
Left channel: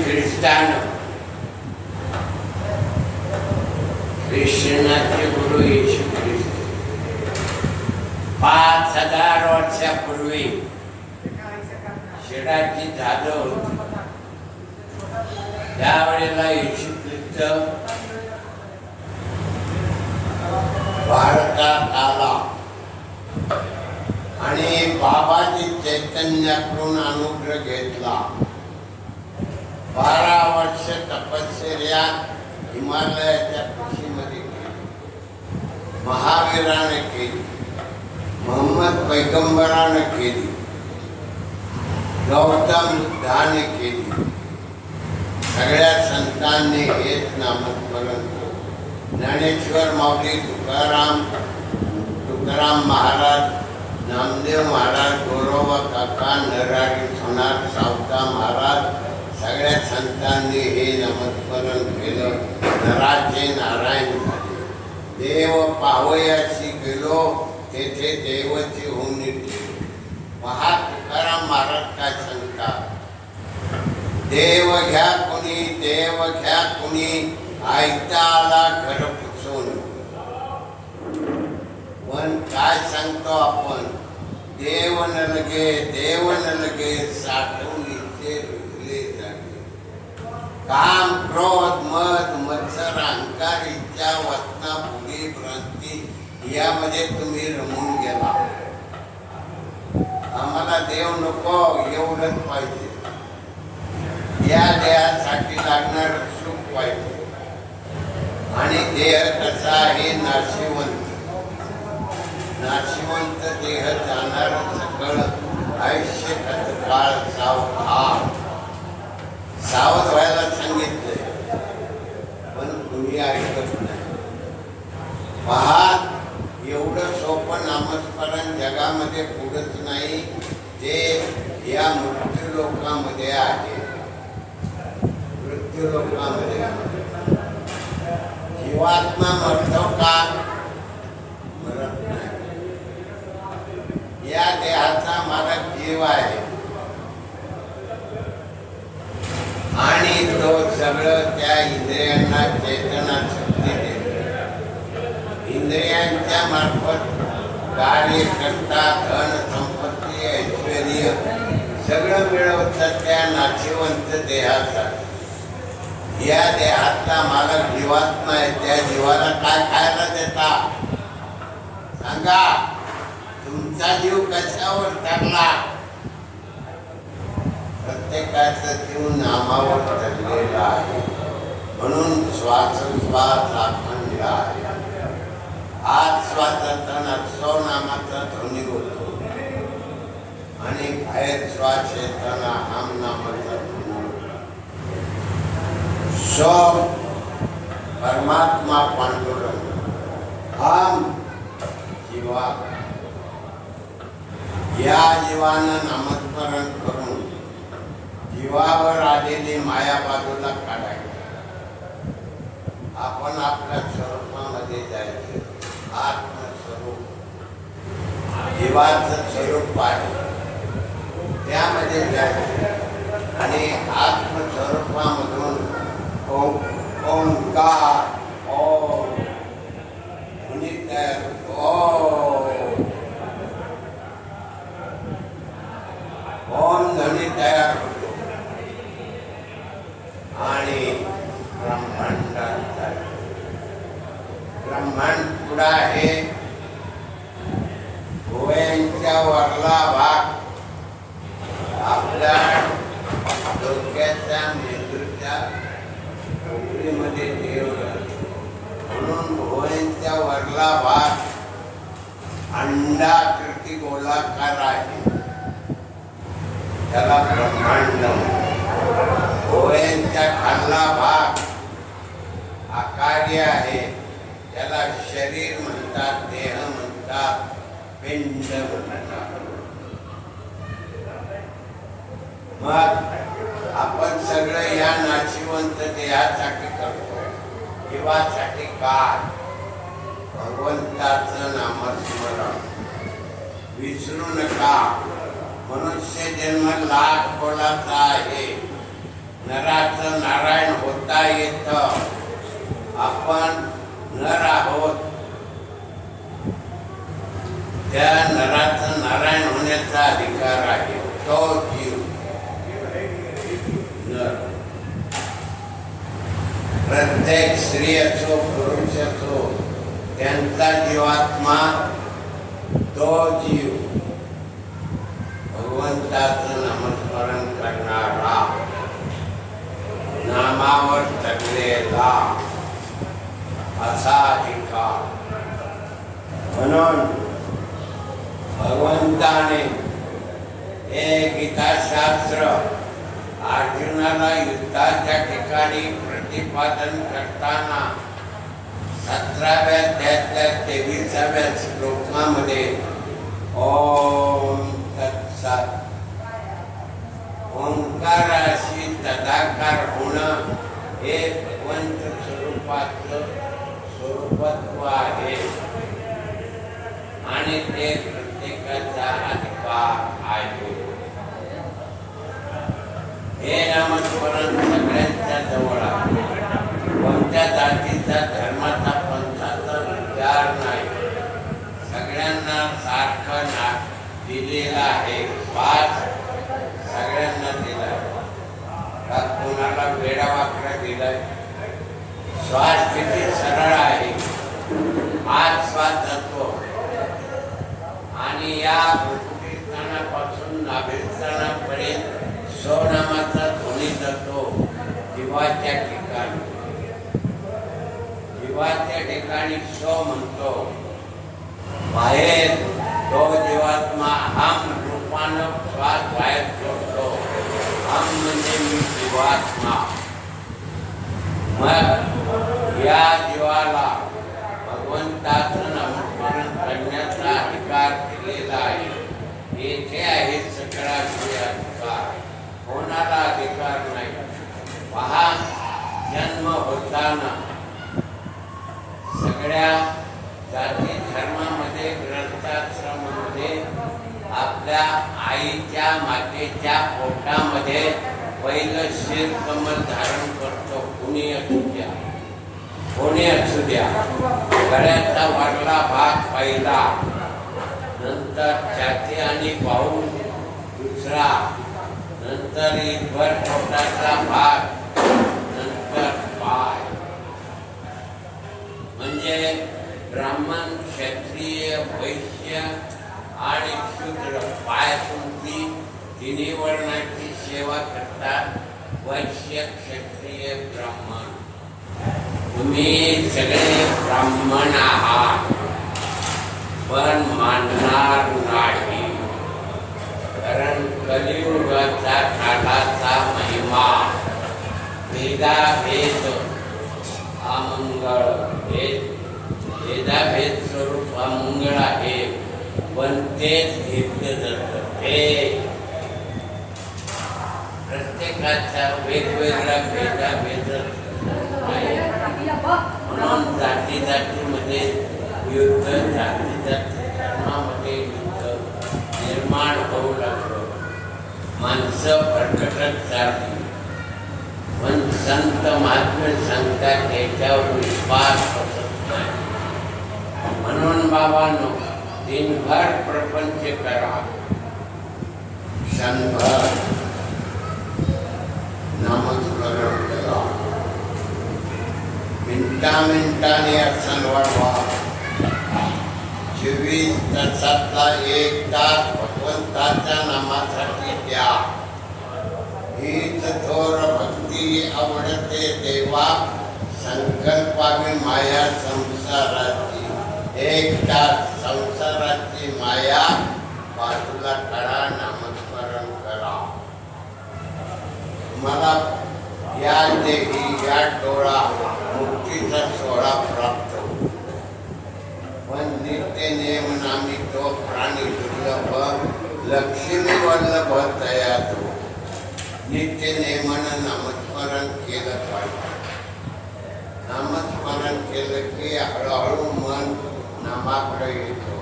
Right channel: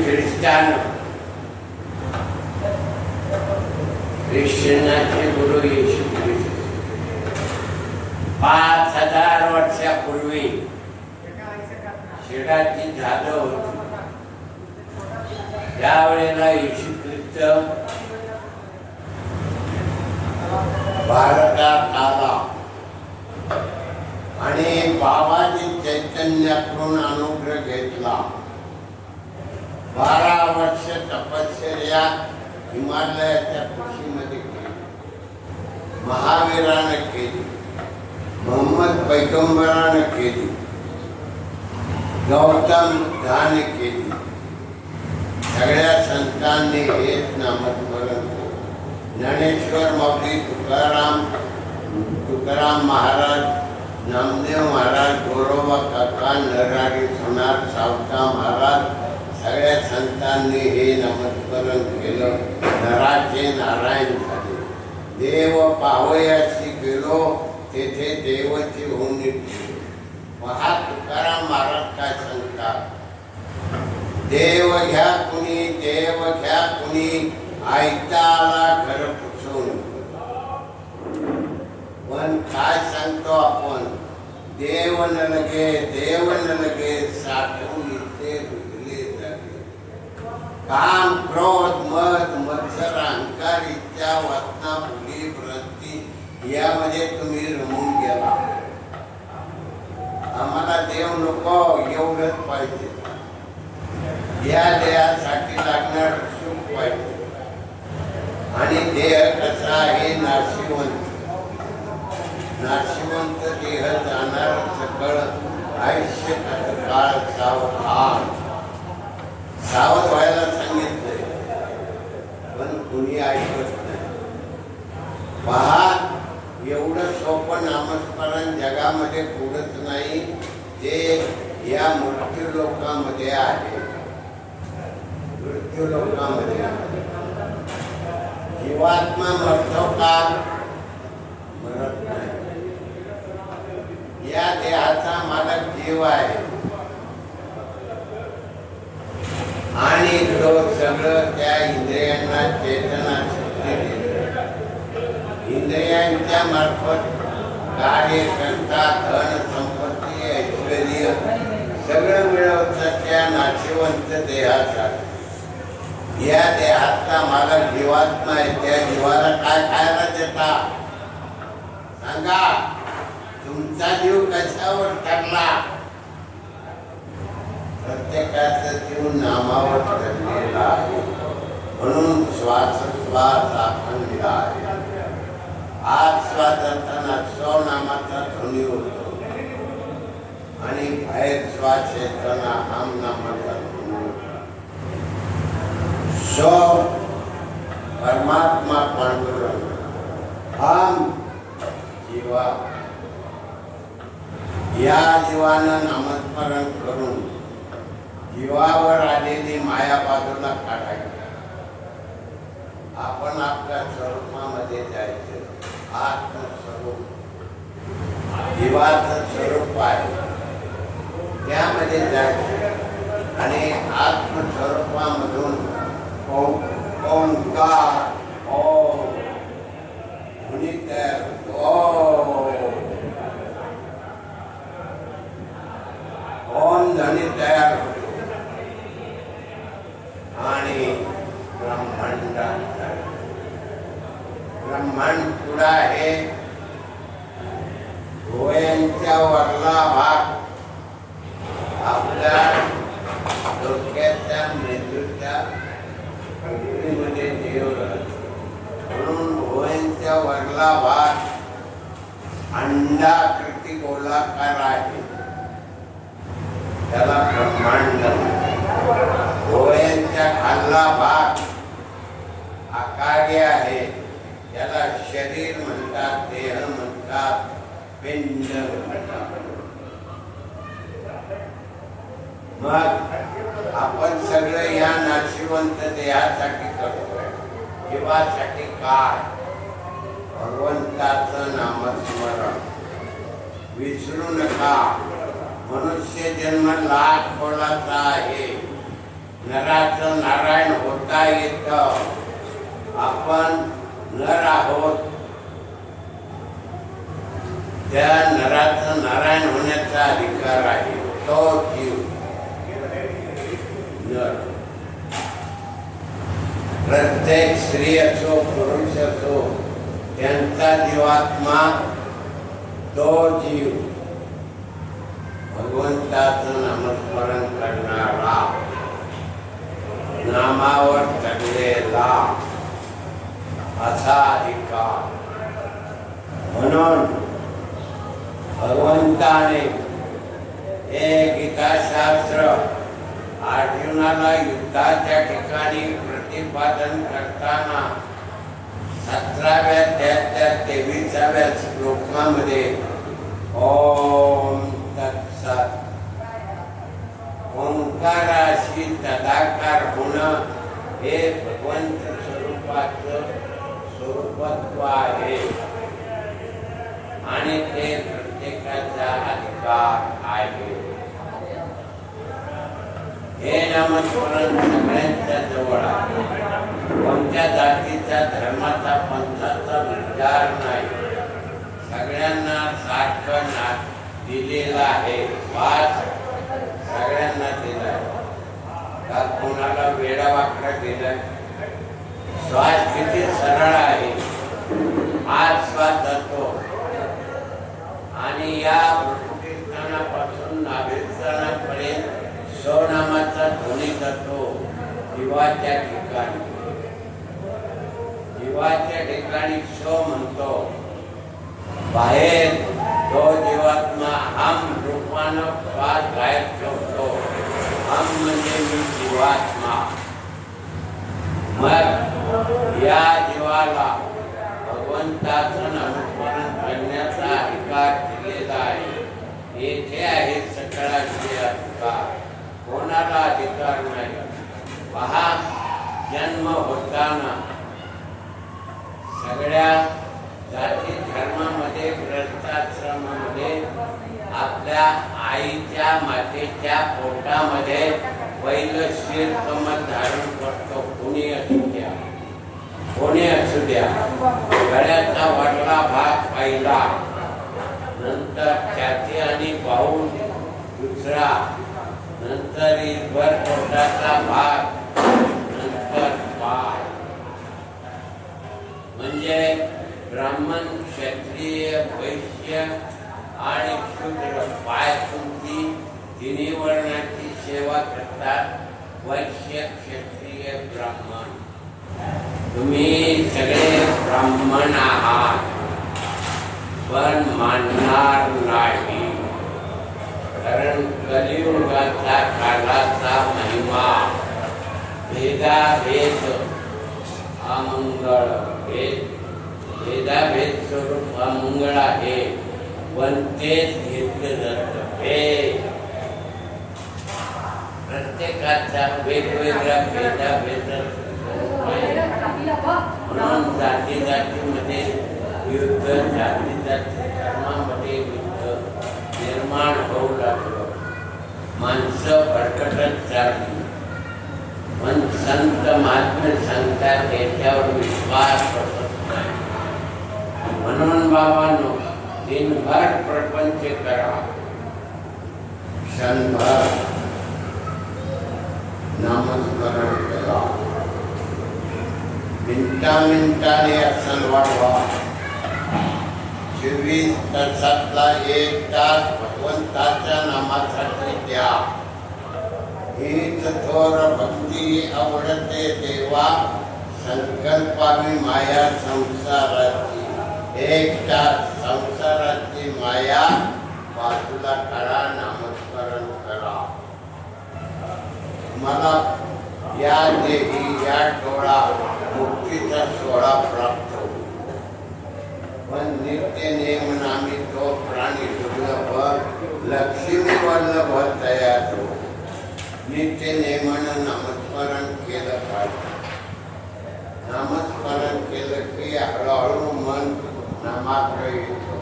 ख्रिश्चनाचे गुरु येशू ख्रिस्त 5000 वर्षापूर्वी शिडाची झाडं होती. त्यावेळेला येशू ख्रिस्त भारतात आला आणि बाबाजी चैतन्याकडून अनुग्रह घेतला. 12 वर्ष तपश्चर्या हिमालयाच्या कुशीमध्ये केली. महावीराने केली, मोहम्मद पैगंबराने केली, गौतम बुद्धाने केली. सगळ्या संतांनी हेच नामस्मरण केले. ज्ञानेश्वर माऊली, तुकाराम महाराज, नामदेव महाराज, गोरोबा काका, नरहरी सोनार, सावता महाराज, सगळ्या संतांनी हे नामस्मरण केलं. नराचे नारायण झाले. देव पावयाशी गेलो, तेथे देवाची होणी केली. महा तुकाराम महाराज काय सांगतात, देव घ्या कुणी, देव घ्या कुणी, आयता आला घर पुसून. पण काय सांगतो आपण, देव न लगे साठवून इथे रुजले जागे. काम, क्रोध, मद, मत्सर, अहंकार, इच्छा, वासना, भुली, भ्रांती यामध्ये तुम्ही रमून गेला. आम्हाला देव नको, एवढंच पाहिजे. या देहासाठी लागणार सुख पाहिजे. आणि देह कसा आहे, नाशिवंत. नाशिवंत देह जाणार सकळ आयुष्य काळ सावध व्हायला सांगितलंय, पण कुणी ऐकत नाही. पहा, एवढं सोपं नामस्मरण जगामध्ये पुढंच नाही, जे या मृत्यू लोकांमध्ये आहे. मृत्यू लोकांमध्ये जीवात्मा मरतो का? मरत नाही. या देहाचा मालक जीव आहे आणि तो सगळं त्या इंद्रियांना चेतना शक्ती देतो. इंद्रियांच्या मार्फत कार्य करता, धन संपत्ती, ऐश्वर्य सगळं मिळवतं त्या नाशिवंत देहासाठी. या देहातला मालक जीवात्मा आहे. त्या जीवाला काय खायला देता सांगा? तुमचा जीव कशावर ठरला? प्रत्येकाचा जीव नामावर ठरलेला आहे. म्हणून श्वासोश्वास अखंड आहे. आत श्वास जाताना सो नामाचा ध्वनी होतो आणि बाहेर श्वास येताना हम नामाचा ध्वनी होतो. सो परमात्मा पांडुरंग, हम जीवा. या जीवानं नामस्मरण करून जीवावर आलेली माया बाजूला काढायची. आपण आपल्या स्वरूपामध्ये जायचं. आत्मस्वरूप जीवाचं स्वरूप आहे, त्यामध्ये जायचं आणि आत्मस्वरूपामधून ओंकार ध्वनी तयार होतो. ओम ध्वनी तयार होतो आणि ब्रह्मांड पुढा आहे. भुवयांच्या वरला भाग आपल्या डोक्याच्या मेंदूच्या मध्ये देव राहतो. म्हणून भुवयांच्या वरला भाग अंडाकृती गोलाकार आहे, त्याला ब्रह्मांड. भुवयांच्या खालला भाग आकार्य आहे, त्याला शरीर म्हणतात, देह म्हणतात, पिंड म्हणतात. मग आपण सगळे या नाशिवंत देहासाठी करतो, जीवासाठी काय? भगवंताचं नामस्मरण विसरू नका. मनुष्य जन्म लाख कोणाचा आहे. नराचं नारायण होता येत. आपण नर आहोत, त्या नराचं नारायण होण्याचा अधिकार आहे. तो जीव नर, प्रत्येक स्त्री असो पुरुष असो, त्यांचा जीवात्मा तो जीव भगवंताचं नामस्मरण करणारा, नामावर जगलेला असा अधिकार. म्हणून भगवंताने हे गीताशास्त्र अर्जुनाला युद्धाच्या ठिकाणी प्रतिपादन करताना 17व्या अध्यायातल्या 23व्या श्लोकामध्ये ओम तत्सत, ओंकाराशी तदाकार होणं हे भगवंत स्वरूपाचं स्वरूपत्व आहे आणि ते प्रत्येकाचा अधिकार आहे. हे नामस्मरण सगळ्यांच्या जवळ आहे. कोणत्या जातीचा धर्माचा पंथाचा विचार नाही. सगळ्यांना सारखं दिलेलं आहे. पाच सगळ्यांना दिलाय. कोणाला वेडा वाकडा दिलाय. श्वास किती सरळ आहे. आज श्वास जातो आणि या गुरुकीर्तनापासून नाभिस्थानापर्यंत स्वनामाचा ध्वनी जातो जीवाच्या ठिकाणी. जीवाच्या ठिकाणी स्व म्हणतो. बाहेर तो जीवात्मा हम रूपानं श्वास बाहेर ठेवतो. हम म्हणजे मी जीवात्मा. मग या जीवाला भगवंताचं नामस्मरण करण्याचा अधिकार दिलेला आहे. येथे आहे सगळा अधिकार. कोणाला अधिकार नाही. पहा, जन्म होताना सगळ्या जाती धर्मामध्ये ग्रंथाश्रमामध्ये आपल्या आईच्या मातेच्या पोटामध्ये पहिलं शिर कमल धारण करतो. कोणी असू द्या, कोणी असू द्या. गळ्याचा वरला भाग पहिला, नंतर छाती आणि बाहू दुसरा, नंतर ईश्वर पोटाचा भाग, नंतर पाय. म्हणजे ब्राह्मण, क्षत्रिय, वैश्य आणि शूद्र पायातून तिन्ही वर्णाची सेवा करतात. वैश्य, क्षत्रिय, ब्राह्मण. तुम्ही सगळे ब्राह्मण आहात, पण मानणार नाही. कारण कलियुगाचा काळाचा महिमा भेदाभेद अमंगळ, भेदाभेद स्वरूप अमंगळ आहे. पण तेच घेतलं जातं. हे प्रत्येकाचा वेगवेगळा भेदाभेद म्हणून जाती जातीमध्ये युद्ध, जाती जाती धर्मामध्ये युद्ध निर्माण होऊ लागलं. माणसं भरकटत चालली. पण संत महात्मे सांगतात त्याच्यावर विश्वास बसत नाही. म्हणून बाबांनो, दिनभर प्रपंच करा, क्षणभर नामस्मरण करा. मिनिटाने आसन वाढवा. 24 तासातला 1 तास भगवंताच्या नामासाठी द्या. हीच थोर भक्ती आवडते देवा, संकल्पावी माया संसाराची. 1 तास संसाराची माया बाजूला करा, नामस्मरण करा. मला या देही या डोळा मुक्तीचा सोहळा प्राप्त होतो. पण नित्य नियम नामी तो प्राणी दुर्लभ, लक्ष्मी वल्लभ तयार हो. नित्य नेमानं नामस्मरण केलं पाहिजे. नामस्मरण केलं की हळूहळू मन नामाकडे येतो.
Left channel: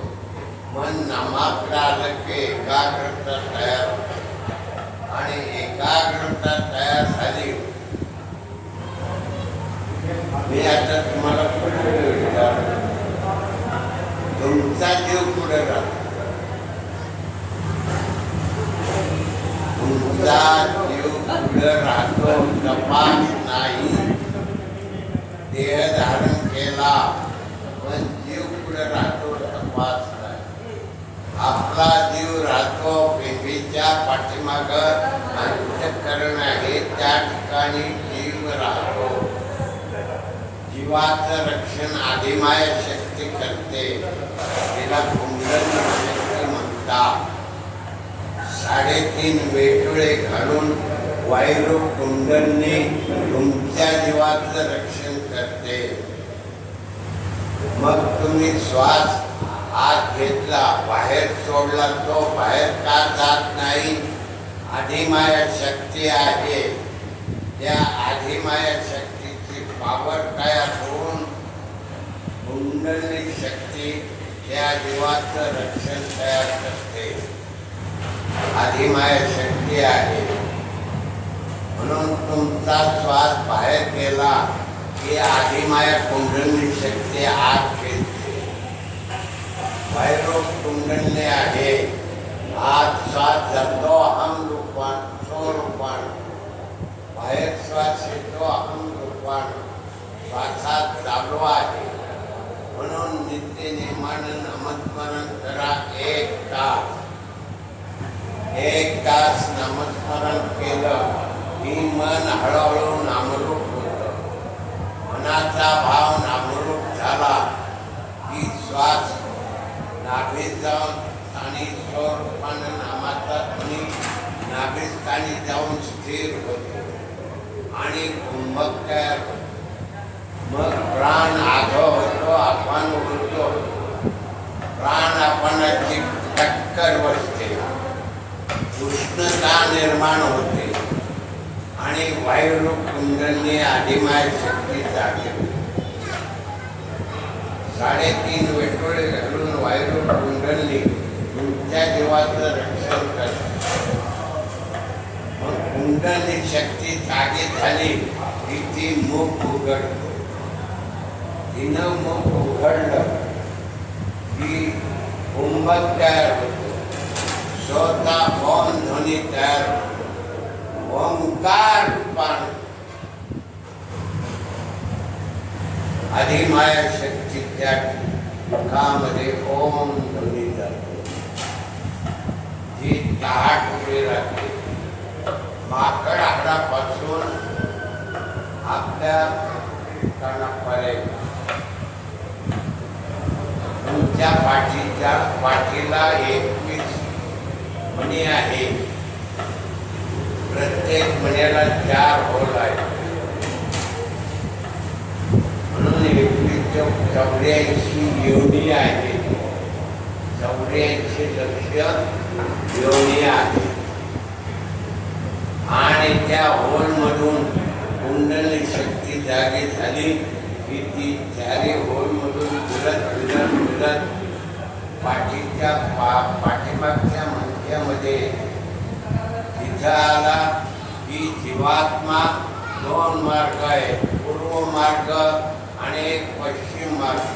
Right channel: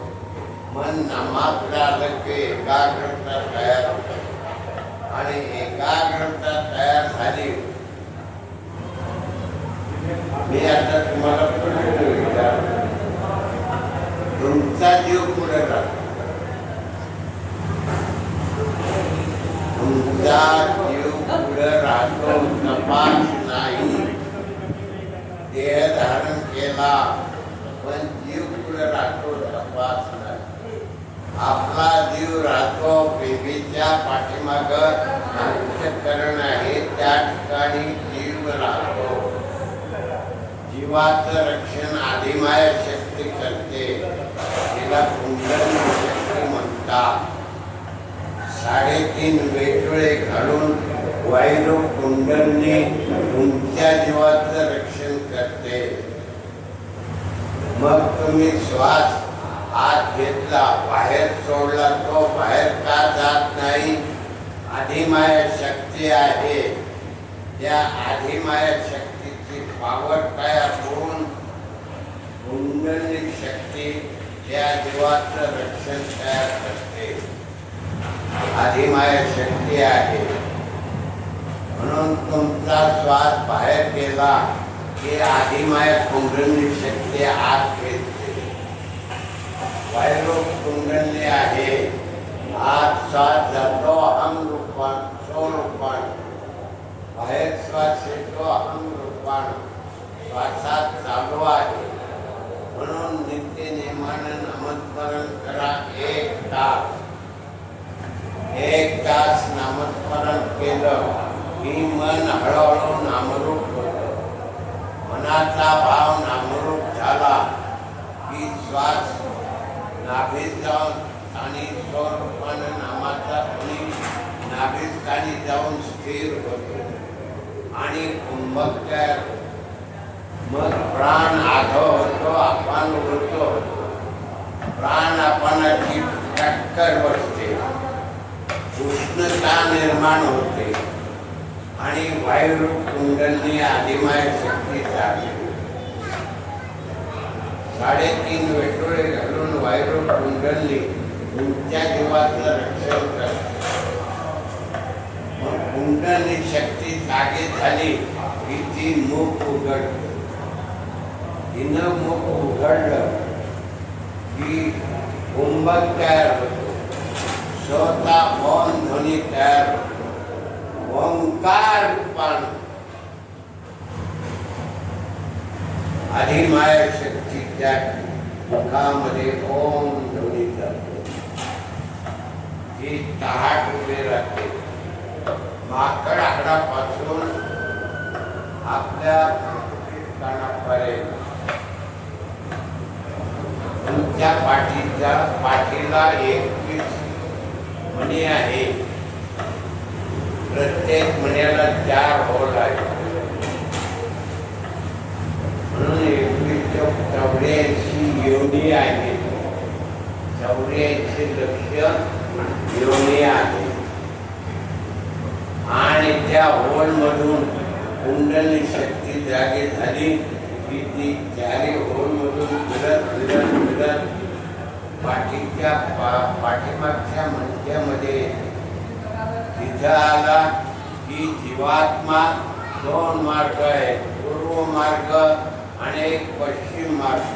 मन नामाकडे आलं की एकाग्रता तयार होते आणि एकाग्रता तयार झाली. मी आता तुम्हाला पुढे विचारतो, तुमचा जीव पुढे राहतो. तुमचा जीव पुढे राहतो. तपास नाही. देह धारण केला पण जीव पुढे राहतो. तपास नाही. आपला जीव राहतो बेबीच्या पाठीमाग अंतःकरण आहे, त्या ठिकाणी जीव राहतो. जीवाचं रक्षण आदिमाय शक्ती करते. तिला कुंडली शक्ती म्हणतात. 3.5 वेटुळे घालून वायू कुंडली तुमच्या जीवाचं रक्षण करते. मग तुम्ही श्वास आत घेतला, बाहेर सोडला, तो बाहेर का जात नाही? आदिमाय शक्ती आहे. त्या आदिमाय शक्तीची पावर तयार होऊन कुंडली शक्ती त्या जीवाचं रक्षण तयार करते. आदिमाय शक्ती आहे. म्हणून तुमचा श्वास बाहेर गेला की आदिमाय कुंडली शक्ती आत घेते. वायू कुंडली आहे. आत श्वास जातो अहम रूपान, स्वरूपान. बाहेर श्वास येतो अहम रूपान. श्वासात चालू आहे. म्हणून नित्य नेमानं नामस्मरण करा. 1 तास नामस्मरण केलं की मन हळूहळू नामरूप होतं. मनाचा भाव नामरूप झाला की श्वास नाभीत जाऊन आणि स्वरूपानं नामाचा ध्वनी नाभिस्थानी जाऊन स्थिर होतो आणि कुंभक तयार होतो. मग प्राण आधो होतो, आपण होतो. प्राण आपणाची टक्कर बसते, उष्णता निर्माण होते आणि वायू कुंडली आदिमाय शक्ती जागे. 3.5 वेटोळे घालून वायू कुंडली तुमच्या जीवाचं रक्षण करते. मग कुंडली शक्ती जागे झाली की ती मुख उघडतो. तिनं मुख उघडलं की कुंभक तयार होतो. स्वतः मौन ध्वनी तयार होतो. ओंकार रूपान आदिमाय शक्तीच्या मुखामध्ये ओम ध्वनी जातो. जी ताट उभी राहते. माकड आकडापासून आपल्या कानापर्यंत तुमच्या पाठीला 21 मणी आहे. प्रत्येक मण्याला 4 होल आहेत. म्हणून 21 84 योनी आहे. 84 लक्ष योनी आहे. आणि त्या होल मधून कुंडली शक्ती जागी झाली की ती 4 होल मधून फिरत पाठीच्या पाठीमागच्या मणक्यामध्ये तिथं आला की जीवात्मा 2 मार्ग आहेत. पूर्व मार्ग आणि एक पश्चिम मार्ग.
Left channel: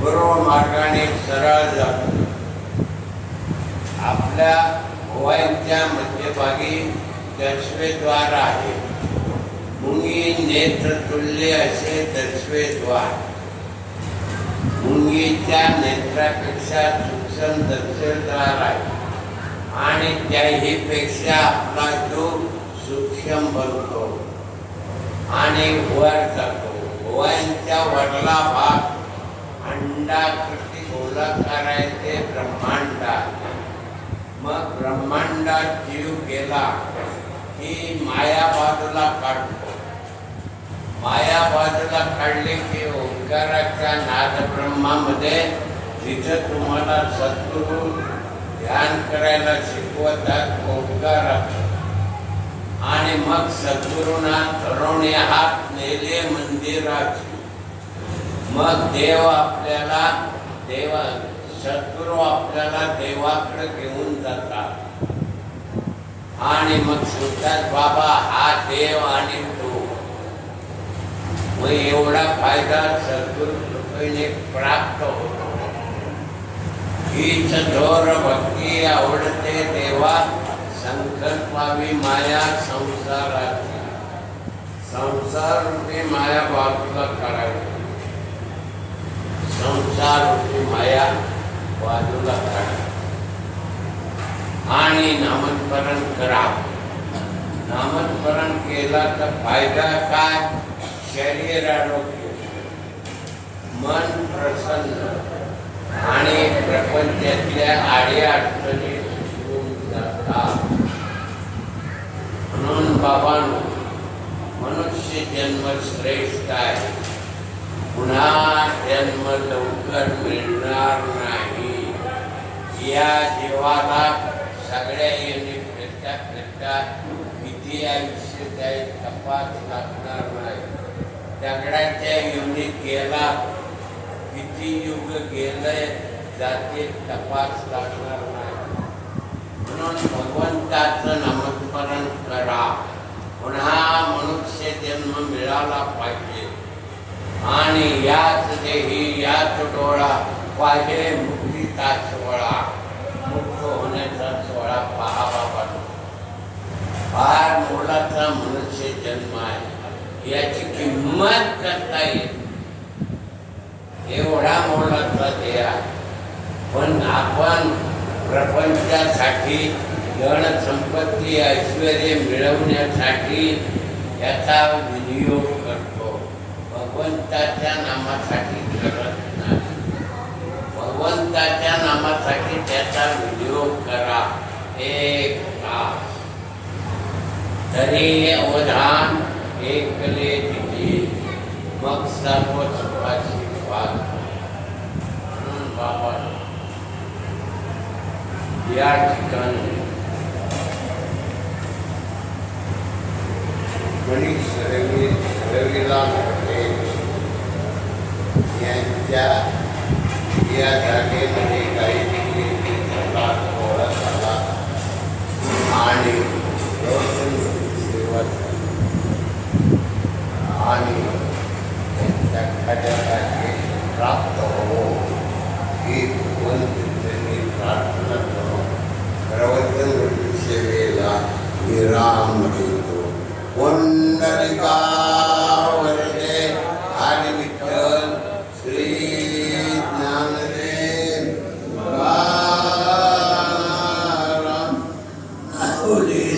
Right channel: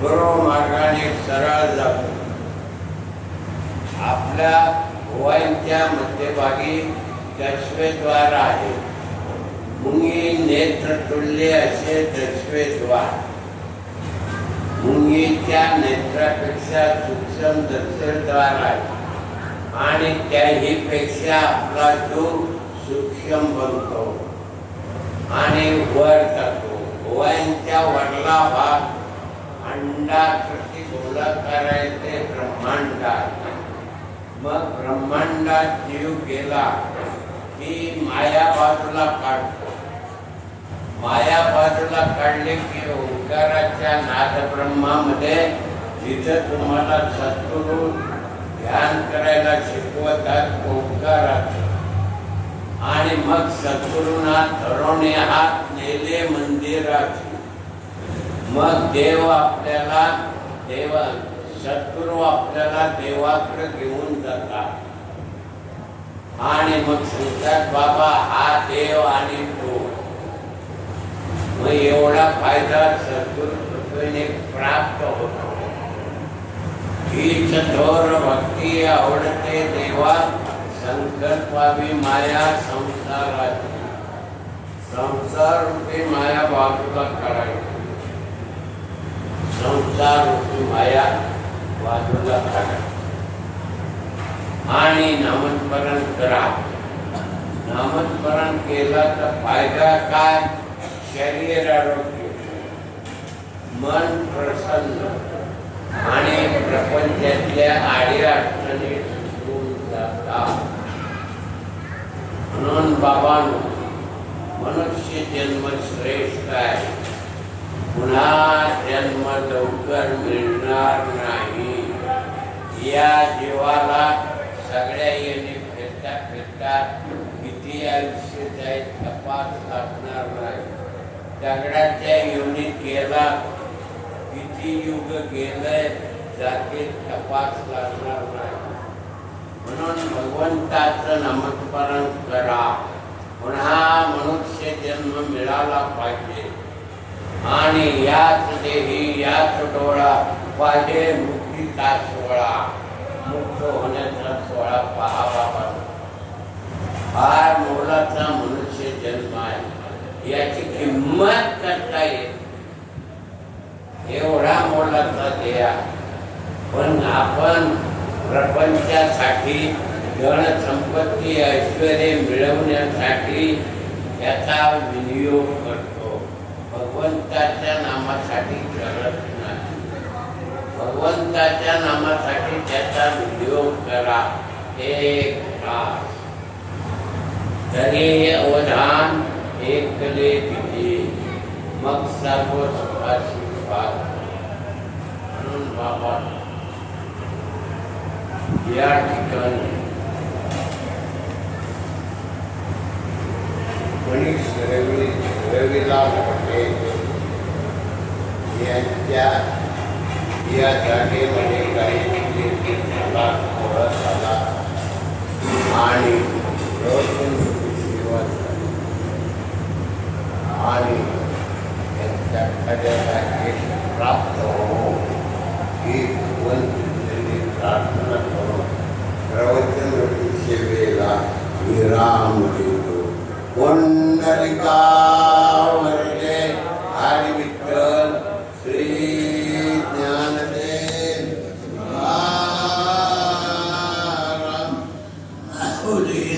पूर्व मार्गाने सरळ जातो. आपल्या भुवयांच्या मध्यभागी दशवेद्वार आहे. मुंगी नेत्र तुल्य असे दशवेद्वार. मुंगीच्या नेत्रापेक्षा सूक्ष्म दशवेद्वार आहे आणि त्याही पेक्षा आपला जो सूक्ष्म बनतो आणि वर जातो. भुवयांच्या वरला भाग अंडाकृती गोलाकार आहे, ते ब्रह्मांड आहे. मग ब्रह्मांडात जीव गेला की माया बाजूला काढतो. माया बाजूला काढले की ओंकाराच्या नाद ब्रह्मामध्ये जिथं तुम्हाला सद्गुरू ध्यान करायला शिकवतात ओंकारात आणि मग सद्गुरूंना ठरवणे हात नेले मंदिराची. मग सद्गुरू आपल्याला देवाकडे घेऊन जातात. आणि मग सांगतात बाबा हा देव आणि तो. मग एवढा फायदा सद्गुरूने प्राप्त होतो. हीच थोर भक्ती आवडते देवा, संकल्पावी माया संसाराची. संसार रूपी माया बाजूला काढायची. संसार रूपी माया बाजूला काढायची आणि नामस्मरण करा. नामस्मरण केला तर फायदा काय? शरीर आरोग्य, मन प्रसन्न आणि प्रपंचातल्या आड्या अडचणी सुटून जातात. म्हणून बाबांनो, मनुष्य जन्म श्रेष्ठ आहे. पुन्हा जन्म लवकर मिळणार नाही. या जीवाला सगळ्या येणे फिरता फिरता किती आयुष्य जाईल तपास लागणार नाही. दगडाच्या युनिट गेला, किती युग गेले जाते तपास लागणार नाही. म्हणून भगवंताचं नामस्मरण करा. पुन्हा मनुष्य जन्म मिळाला पाहिजे आणि याच देही याच डोळा पाहिजे मुक्तीचा सोहळा. मुक्त होण्याचा सोहळा पाहावा पाहिजे. फार मोलाचा मनुष्य जन्म आहे, याची किंमत करता येईल. एवढा मोलाचा देह, पण आपण प्रपंचासाठी धन संपत्ती ऐश्वर्य मिळवण्यासाठी याचा विनियोग करतो. भगवंताच्या नामासाठी करत नाही. भगवंताच्या नामासाठी त्याचा विनियोग करा. एक तास तरी अवधान एकले तिथे, मग सर्व सुखाची पाल. बाबा या ठिकाणी गणेश रविला यांच्या या जागेमध्ये काही झाला आणि सेवा झाली आणि त्यांच्या खजान्याचे प्राप्त हो ही भगवंतांनी प्रार्थना करून प्रवचन सेवेला विराम देतो. पुंडलिका वरदे हरी विठ्ठल श्री ज्ञानदेव तुकाराम माऊली